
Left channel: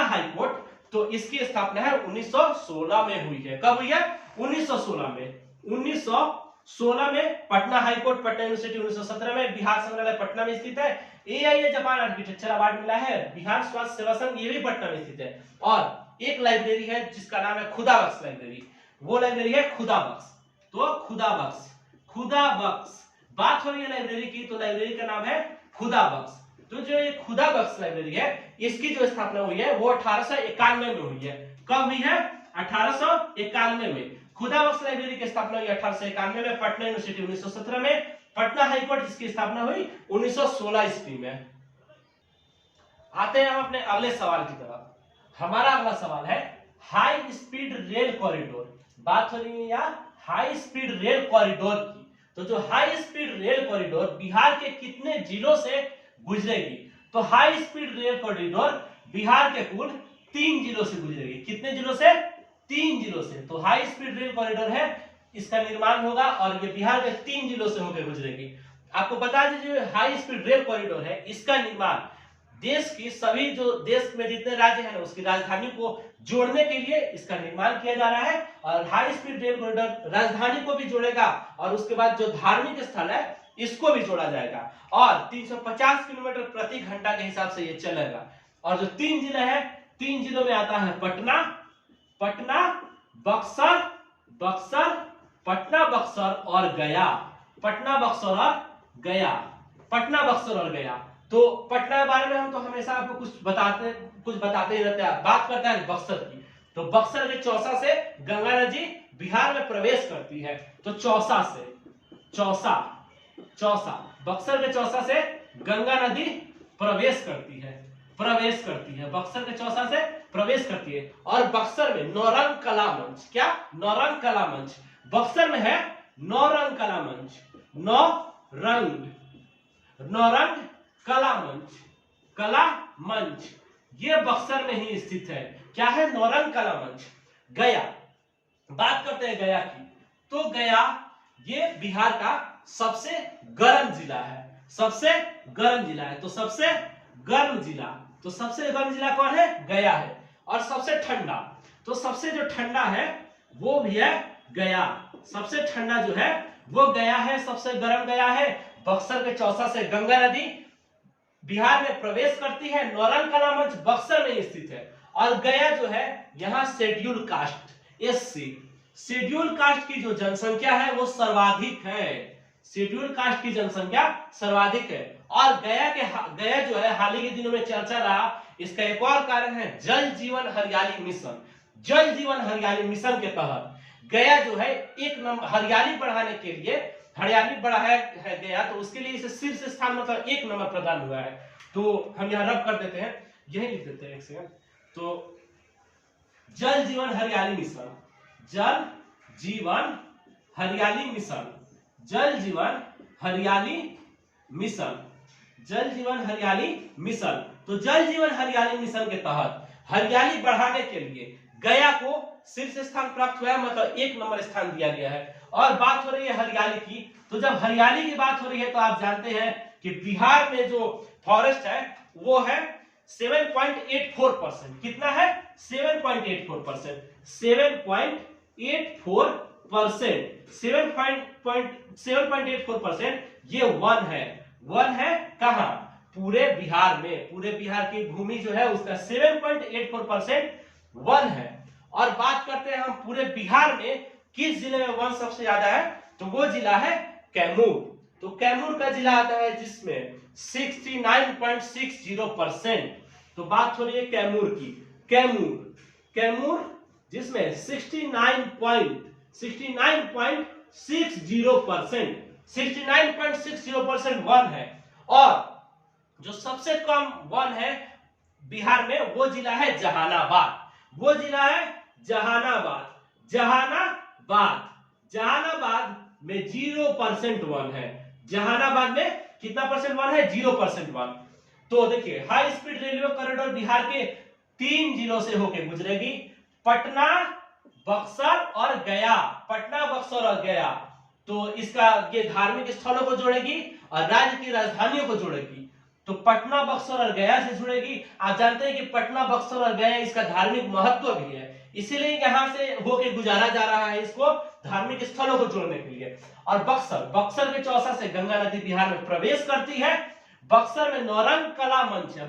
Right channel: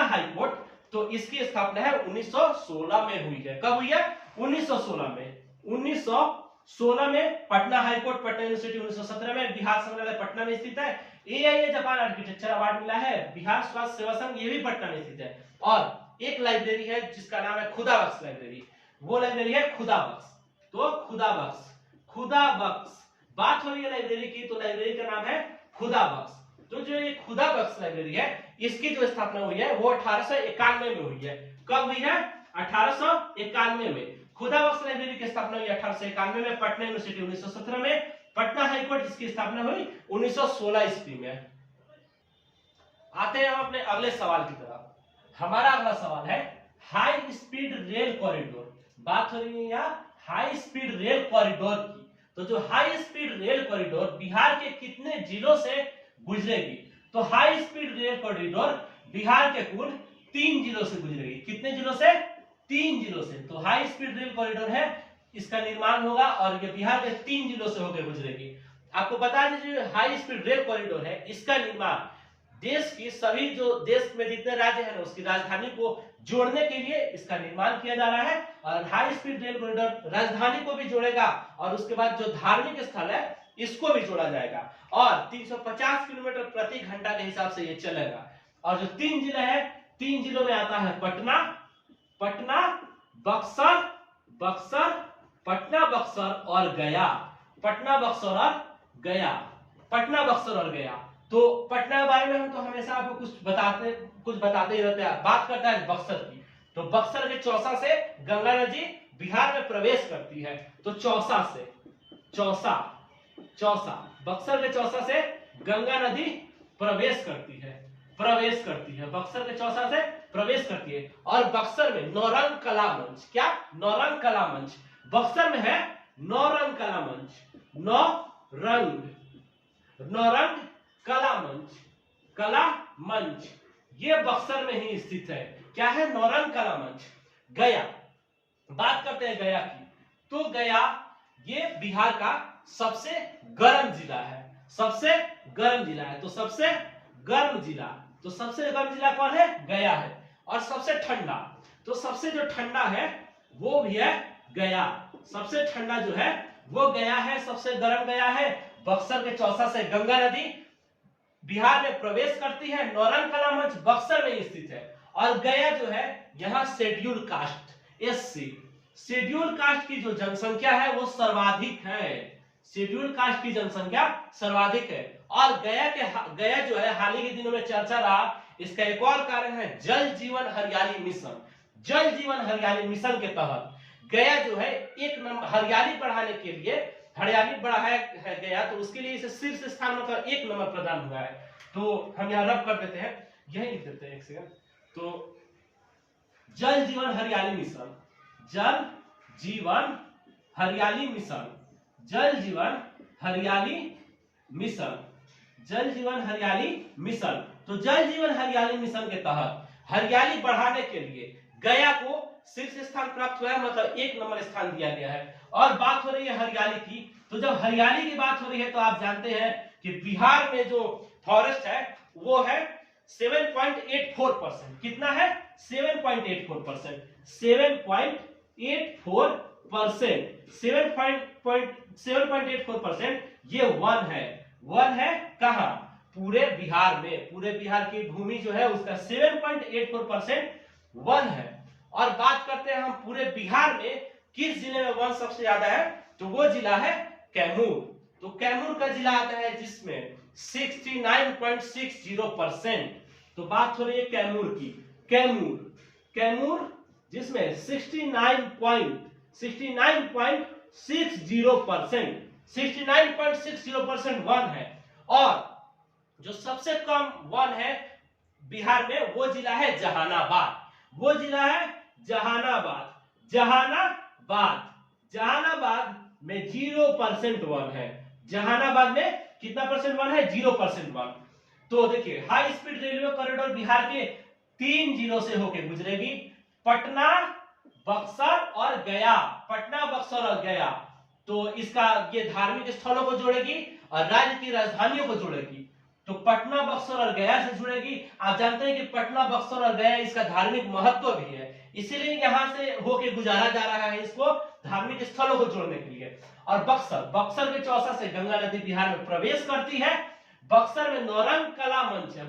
हाई कोर्ट तो इसकी स्थापना है 1916 में हुई है। कब हुई है? 1916 में Patna high court Patna university 1917 में। बिहार संग्रहालय पटना में स्थित है। AIA जापान आर्किटेक्चर अवार्ड मिला है। बिहार स्वास्थ्य सेवा संघ ये भी पटना में स्थित है। और एक लाइब्रेरी है जिसका नाम है खुदा बख्श लाइब्रेरी। वो लाइब्रेरी है खुदा बख्श। तो खुदा बख्श बात हो रही है लाइब्रेरी की, तो लाइब्रेरी का नाम है खुदा बख्श। तो जो ये खुदा बख्श लाइब्रेरी है इसकी जो स्थापना हुई है वो 1891 में हुई है। कब हुई है? 1891 में। खुदा बख्श लाइब्रेरी की स्थापना हुई 1891 में। पटना यूनिवर्सिटी 1917 में। पटना हाईकोर्ट जिसकी स्थापना हुई 1916 ईस्वी में। आते हैं हम अपने अगले सवाल की तरफ। हमारा अगला सवाल है हाई स्पीड रेल कॉरिडोर। बात हो रही है यहाँ हाई स्पीड रेल कॉरिडोर की। तो जो high speed rail corridor Bihar के कितने जिलों से गुजरेगी? तो high speed rail corridor Bihar के कुल 3 जिलों से गुजरेगी। कितने जिलों से? 3 जिलों से। तो हाई स्पीड रेल कॉरिडोर है, इसका निर्माण होगा और ये बिहार के 3 जिलों से होकर गुजरेगी। आपको बता दीजिए हाई स्पीड रेल कॉरिडोर है, इसका निर्माण देश की सभी जो देश में जितने राज्य हैं उसकी राजधानी को जोड़ने के लिए इसका निर्माण किया जा रहा है। और हाई स्पीड रेल कॉरिडोर राजधानी को भी जोड़ेगा और उसके बाद जो धार्मिक स्थल है इसको भी जोड़ा जाएगा और 350 किलोमीटर प्रति घंटा के हिसाब से ये चलेगा। और जो 3 जिले हैं, 3 जिलों में आता है पटना, बक्सर, पटना, बक्सर और गया। पटना, बक्सर और गया। पटना, बक्सर और गया। तो पटना के बारे में हम तो हमेशा आपको कुछ बताते ही रहते हैं। बात करते हैं बक्सर की, तो बक्सर के चौसा से गंगा नदी बिहार में प्रवेश करती है। तो चौसा बक्सर के चौसा से गंगा नदी प्रवेश करती है। बक्सर के चौसा से प्रवेश करती है। और बक्सर में नौरंग कला मंच, क्या? नौरंग कला मंच बक्सर में है। नौरंग कला मंच, नौरंग कला मंच ये बक्सर में ही स्थित है। क्या है? नौरंग कला मंच। गया, बात करते हैं गया की, तो गया ये बिहार का सबसे गर्म जिला है। तो सबसे गर्म जिला कौन है? गया है। और सबसे ठंडा, तो सबसे जो ठंडा है वो भी है गया। सबसे ठंडा जो है वो गया है, सबसे गर्म गया है। बक्सर के चौसा से गंगा नदी बिहार में प्रवेश करती है। नौरंग कला मंच बक्सर में स्थित है। और गया जो है यहाँ schedule caste SC, schedule caste की जो जनसंख्या है वो सर्वाधिक है। शेड्यूल कास्ट की जनसंख्या सर्वाधिक है। और गया जो है हाल ही के दिनों में चर्चा रहा, इसका एक और कारण है जल जीवन हरियाली मिशन। जल जीवन हरियाली मिशन के तहत गया जो है एक नंबर हरियाली बढ़ाने के लिए हरियाली बढ़ाया है गया, तो उसके लिए इसे शीर्ष स्थान मतलब 1 नंबर प्रदान हुआ है। तो हम यहाँ रब कर देते हैं, यही लिख देते हैं 1 सेकंड। तो जल जीवन हरियाली मिशन, जल जीवन हरियाली मिशन, जल जीवन हरियाली मिशन, जल जीवन हरियाली मिशन। तो जल जीवन हरियाली मिशन के तहत हरियाली बढ़ाने के लिए गया को शीर्ष स्थान प्राप्त हुआ है, मतलब 1 नंबर स्थान दिया गया है। और बात हो रही है हरियाली की, तो जब हरियाली की बात हो रही है तो आप जानते हैं कि बिहार में जो फॉरेस्ट है वो है 7.84%। कितना है? 7.84%। 7.84%। ये वन है कहां? पूरे बिहार में। पूरे बिहार की भूमि जो है उसका 7.84% वन है। और बात करते हैं हम पूरे बिहार में किस जिले में वन सबसे ज्यादा है, तो वो जिला है कैमूर। तो कैमूर का जिला आता है जिसमें 69.60%। तो बात हो रही है कैमूर की। कैमूर जिसमें 69.60% वन है। और जो सबसे कम वन है बिहार में वो जिला है जहानाबाद। वो जिला है जहानाबाद में 0% वन है। जहानाबाद में कितना परसेंट वन है? 0% वन। तो देखिए high speed railway corridor Bihar के 3 जिलों से होकर गुजरेगी, पटना, बक्सर और गया। पटना, बक्सर और गया। तो इसका ये धार्मिक स्थलों को जोड़ेगी और राज्य की राजधानियों को जोड़ेगी। तो पटना, बक्सर और गया से जुड़ेगी। आप जानते हैं कि पटना, बक्सर और गया इसका धार्मिक महत्व भी है, इसीलिए यहाँ से होके गुजारा जा रहा है इसको धार्मिक स्थलों को जोड़ने के लिए। और बक्सर के चौसा से गंगा नदी बिहार में प्रवेश करती है। बक्सर में नौरंग कला मंच है।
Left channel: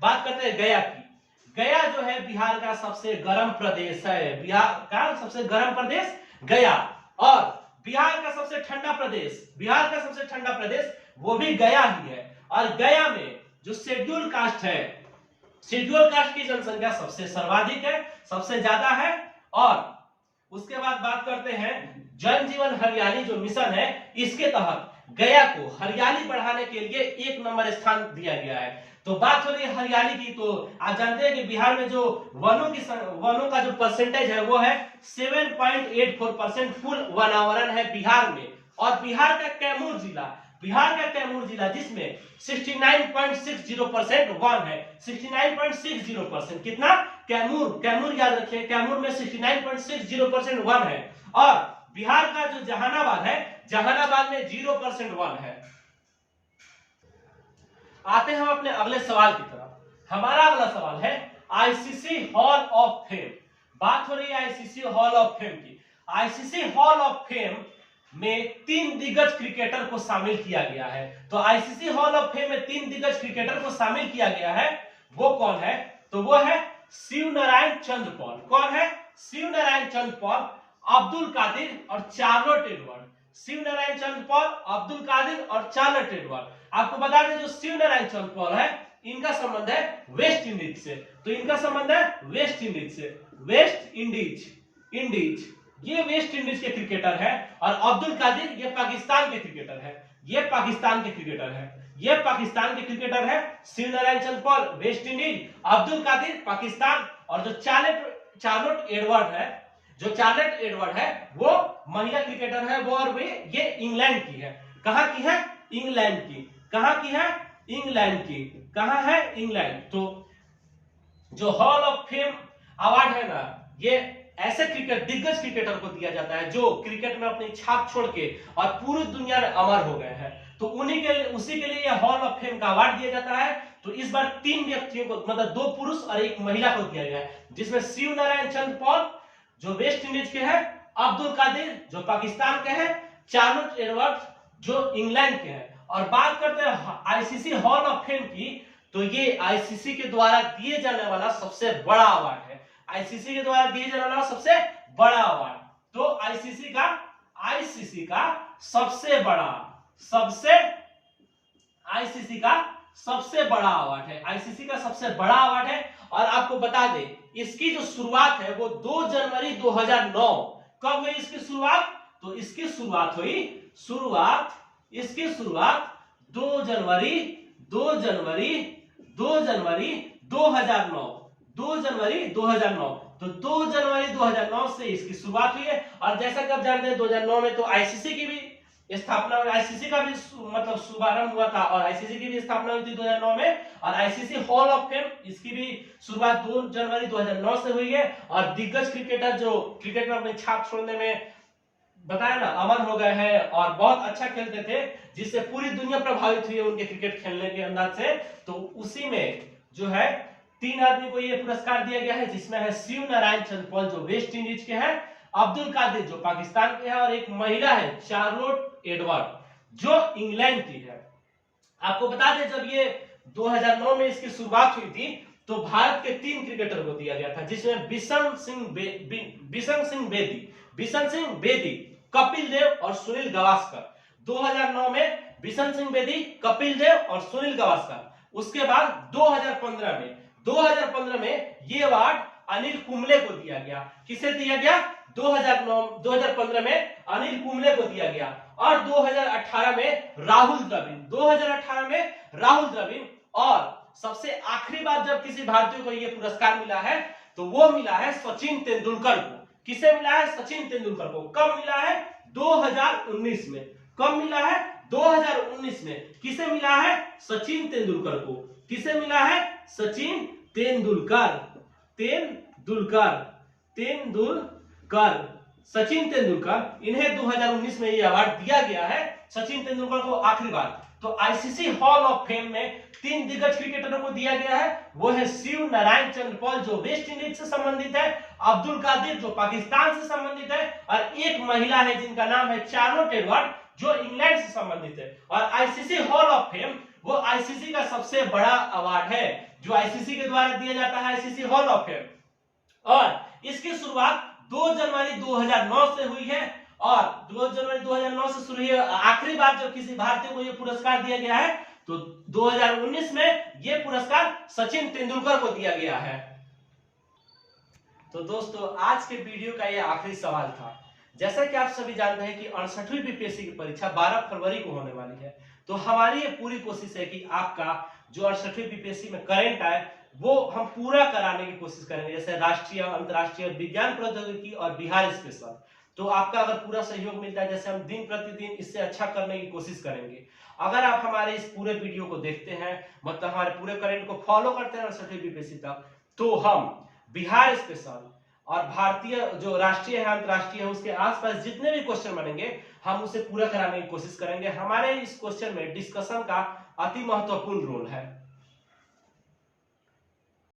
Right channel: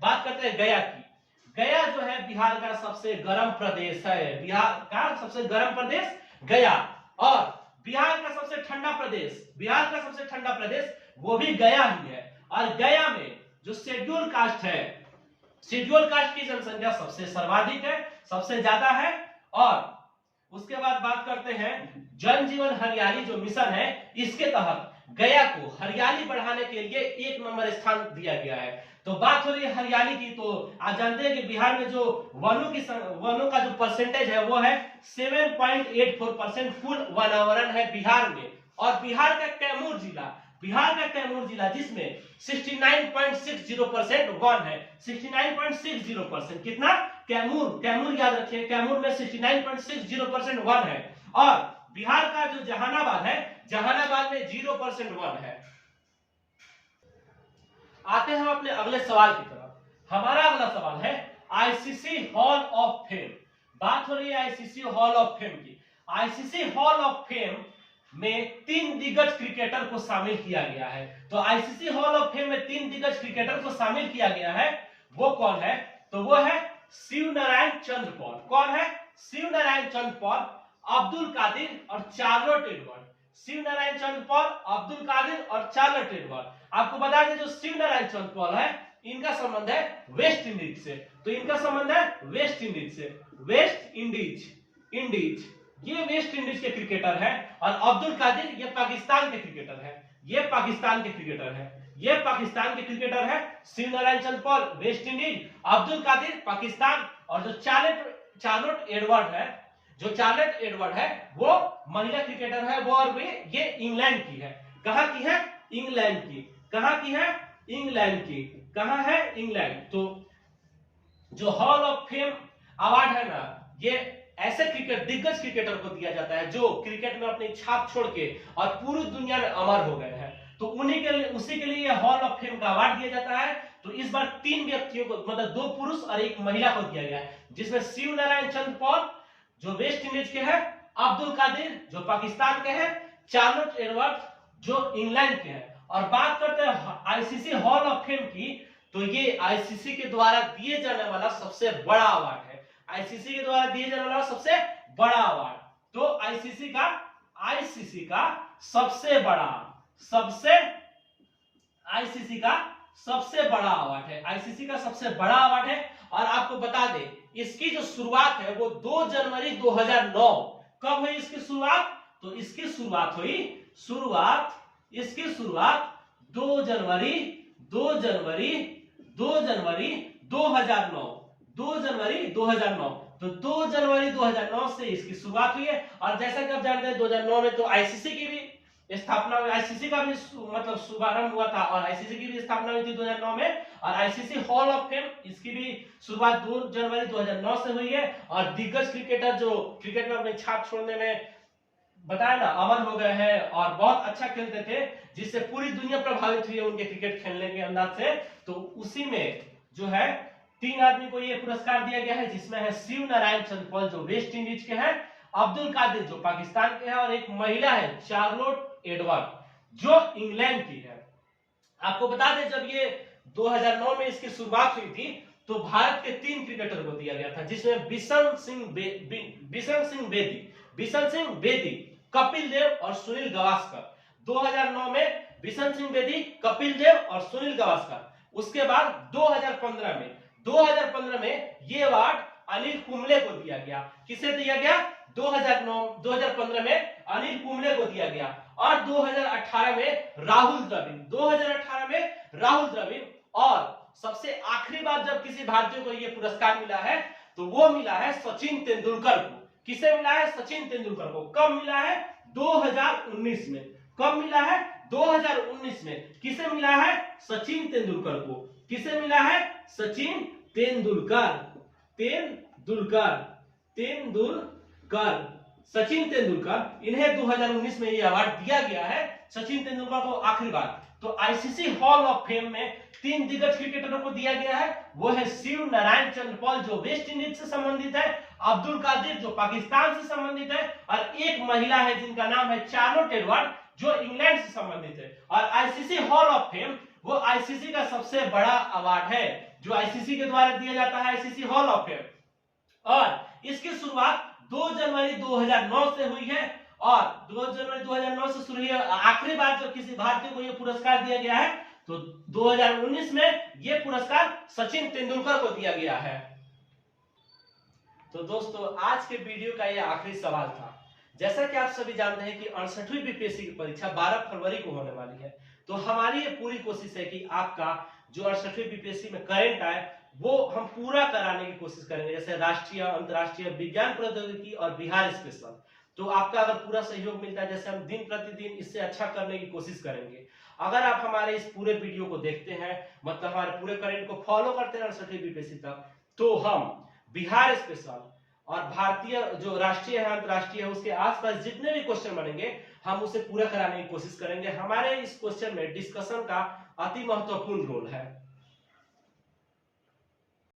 बात करते हैं गया की। गया जो है बिहार का सबसे गर्म प्रदेश है। बिहार का सबसे गर्म प्रदेश गया। और बिहार का सबसे ठंडा प्रदेश वो भी गया ही है। और गया में जो शेड्यूल कास्ट की जनसंख्या सबसे सर्वाधिक है, सबसे ज्यादा है। और उसके बाद बात करते हैं जल जीवन हरियाली जो मिशन है, इसके तहत गया को हरियाली बढ़ाने के लिए 1 नंबर स्थान दिया गया है। तो बात हो रही है हरियाली की, तो आप जानते हैं कि बिहार में जो वनों का जो परसेंटेज है वो है 7.84% फुल वनावरण है बिहार में। और बिहार का कैमूर जिला जिसमें 69.60% वन है, 69.60%। कितना? कैमूर याद रखिए, कैमूर में 69.60% वन है। और बिहार का जो जहानाबाद है, जहानाबाद में 0% वन है। आते हैं हम अपने अगले सवाल की तरफ। हमारा अगला सवाल है आईसीसी हॉल ऑफ फेम। बात हो रही है आईसीसी हॉल ऑफ फेम की। आईसीसी हॉल ऑफ फेम में 3 दिग्गज क्रिकेटर को शामिल किया गया है। तो आईसीसी हॉल ऑफ फेम में 3 दिग्गज क्रिकेटर को शामिल किया गया है। वो कौन है? तो वो है शिव नारायण चंद्र पॉल। कौन है? शिव नारायण चंद्र पॉल, अब्दुल कादिर और चार्लोट एडवर्ड। शिव नारायण चंद्र पॉल, अब्दुल कादिर और चार्लोट एडवर्ड। आपको बता दें जो शिव नारायण चंद्र पॉल है, इनका संबंध है वेस्ट इंडीज से। तो इनका संबंध है वेस्ट इंडीज से। वेस्ट इंडीज ये वेस्ट इंडीज के क्रिकेटर है। और अब्दुल कादिर ये पाकिस्तान के क्रिकेटर है। ये पाकिस्तान के क्रिकेटर है। Shivnarine Chanderpaul West Indies, Abdul Qadir Pakistan, और जो चार्लोट एडवर्ड है वो महिला क्रिकेटर है। वो और ये इंग्लैंड की है। कहां की है? इंग्लैंड की। कहां की है? इंग्लैंड की। कहां है? इंग्लैंड। तो जो हॉल ऑफ फेम अवार्ड है ना, ये ऐसे दिग्गज क्रिकेटर को दिया जाता है जो क्रिकेट में अपनी छाप छोड़ के और पूरी दुनिया में अमर हो गए हैं। तो उसी के लिए हॉल ऑफ फेम का अवार्ड दिया जाता है। तो इस बार 3 व्यक्तियों को, मतलब 2 पुरुष और 1 महिला को दिया गया है, जिसमें शिव नारायण चंद्र पॉल जो वेस्ट इंडीज के हैं, अब्दुल कादिर जो पाकिस्तान के हैं, चार्लोट एडवर्ड जो इंग्लैंड के हैं। और बात करते हैं आईसीसी हॉल ऑफ फेम की, तो ये आईसीसी के द्वारा दिए जाने वाला सबसे बड़ा अवार्ड है। आईसीसी के द्वारा दिए जाने वाला सबसे बड़ा अवार्ड। तो आईसीसी का सबसे बड़ा अवार्ड है। आईसीसी का सबसे बड़ा अवार्ड है। और आपको बता दें इसकी जो शुरुआत है वो 2 जनवरी 2009। कब हुई इसकी शुरुआत? तो इसकी शुरुआत 2 जनवरी 2009। तो 2 जनवरी 2009 से इसकी शुरुआत हुई है। और जैसा कि आप जानते हैं 2009 में तो आईसीसी की भी स्थापना हुई, आईसीसी का भी मतलब शुभारंभ हुआ था, और आईसीसी की भी स्थापना हुई थी 2009 में। और आईसीसी हॉल ऑफ फेम इसकी भी शुरुआत 2 जनवरी 2009 से हुई है। और दिग्गज क्रिकेटर जो क्रिकेट में अपनी छाप छोड़ने में बताया ना अमर हो गए हैं और बहुत अच्छा खेलते थे, जिससे पूरी दुनिया प्रभावित हुई है उनके क्रिकेट खेलने के अंदाज से। तो उसी में जो है 3 आदमी को ये पुरस्कार दिया गया है, जिसमें है शिव नारायण चंद्र पॉल जो वेस्ट इंडीज के हैं, अब्दुल कादिर जो पाकिस्तान के हैं, और एक महिला है चार्लोट एडवर्ड जो इंग्लैंड की है। आपको बता दें जब ये 2009 में इसकी शुरुआत हुई थी तो भारत के 3 क्रिकेटर को दिया गया था, जिसमें बिशन सिंह बेदी, कपिल देव और सुनील गावस्कर। 2009 में बिशन सिंह बेदी, कपिल देव और सुनील गावस्कर। उसके बाद 2015 में ये अवार्ड अनिल कुंबले को दिया गया। किसे दिया गया? 2015 में अनिल कुंबले को दिया गया। और 2018 में राहुल द्रविड़। और सबसे आखिरी बार जब किसी भारतीय को यह पुरस्कार मिला है तो वो मिला है सचिन तेंदुलकर को। किसे मिला है? सचिन तेंदुलकर को। कब मिला है? 2019 में। कब मिला है? 2019 में। किसे मिला है? सचिन तेंदुलकर को। किसे मिला है? सचिन सचिन तेंदुलकर। इन्हें 2019 में यह अवार्ड दिया गया है, सचिन तेंदुलकर को आखिरी बार। तो आईसीसी हॉल ऑफ फेम में 3 दिग्गज क्रिकेटरों को दिया गया है। वो है शिव नारायण चंद्र पॉल जो वेस्ट इंडीज से संबंधित है, अब्दुल कादिर जो पाकिस्तान से संबंधित है, और एक महिला है जिनका नाम है चार्लोट एडवर्ड जो इंग्लैंड से संबंधित है। और आईसीसी हॉल ऑफ फेम वो आईसीसी का सबसे बड़ा अवार्ड है जो आईसीसी के द्वारा दिया जाता है, आईसीसी हॉल ऑफ फेम। और इसकी शुरुआत 2 जनवरी 2009 से हुई है। और 2 जनवरी 2009 से शुरू हुई। आखिरी बार जब किसी भारतीय को यह पुरस्कार दिया गया है तो 2019 में यह पुरस्कार सचिन तेंदुलकर को दिया गया है। तो दोस्तों आज के वीडियो का यह आखिरी सवाल था। जैसा कि आप सभी जानते हैं कि 68वीं बीपीएससी की परीक्षा 12 फरवरी को होने वाली है। तो हमारी ये पूरी कोशिश है कि आपका जो 68वीं बीपीएससी में करंट आए वो हम पूरा कराने की कोशिश करेंगे, जैसे राष्ट्रीय, अंतर्राष्ट्रीय, विज्ञान प्रौद्योगिकी और बिहार स्पेशल। तो आपका अगर पूरा सहयोग मिलता है, जैसे हम दिन प्रतिदिन इससे अच्छा करने की कोशिश करेंगे। अगर आप हमारे इस पूरे वीडियो को देखते हैं, मतलब हमारे पूरे करंट को फॉलो करते हैं 68वीं बीपीएससी तक, तो हम बिहार स्पेशल और भारतीय जो राष्ट्रीय है, अंतर्राष्ट्रीय है, उसके आसपास जितने भी क्वेश्चन बनेंगे हम उसे पूरा कराने की कोशिश करेंगे। हमारे इस क्वेश्चन में डिस्कशन का अति महत्वपूर्ण रोल है।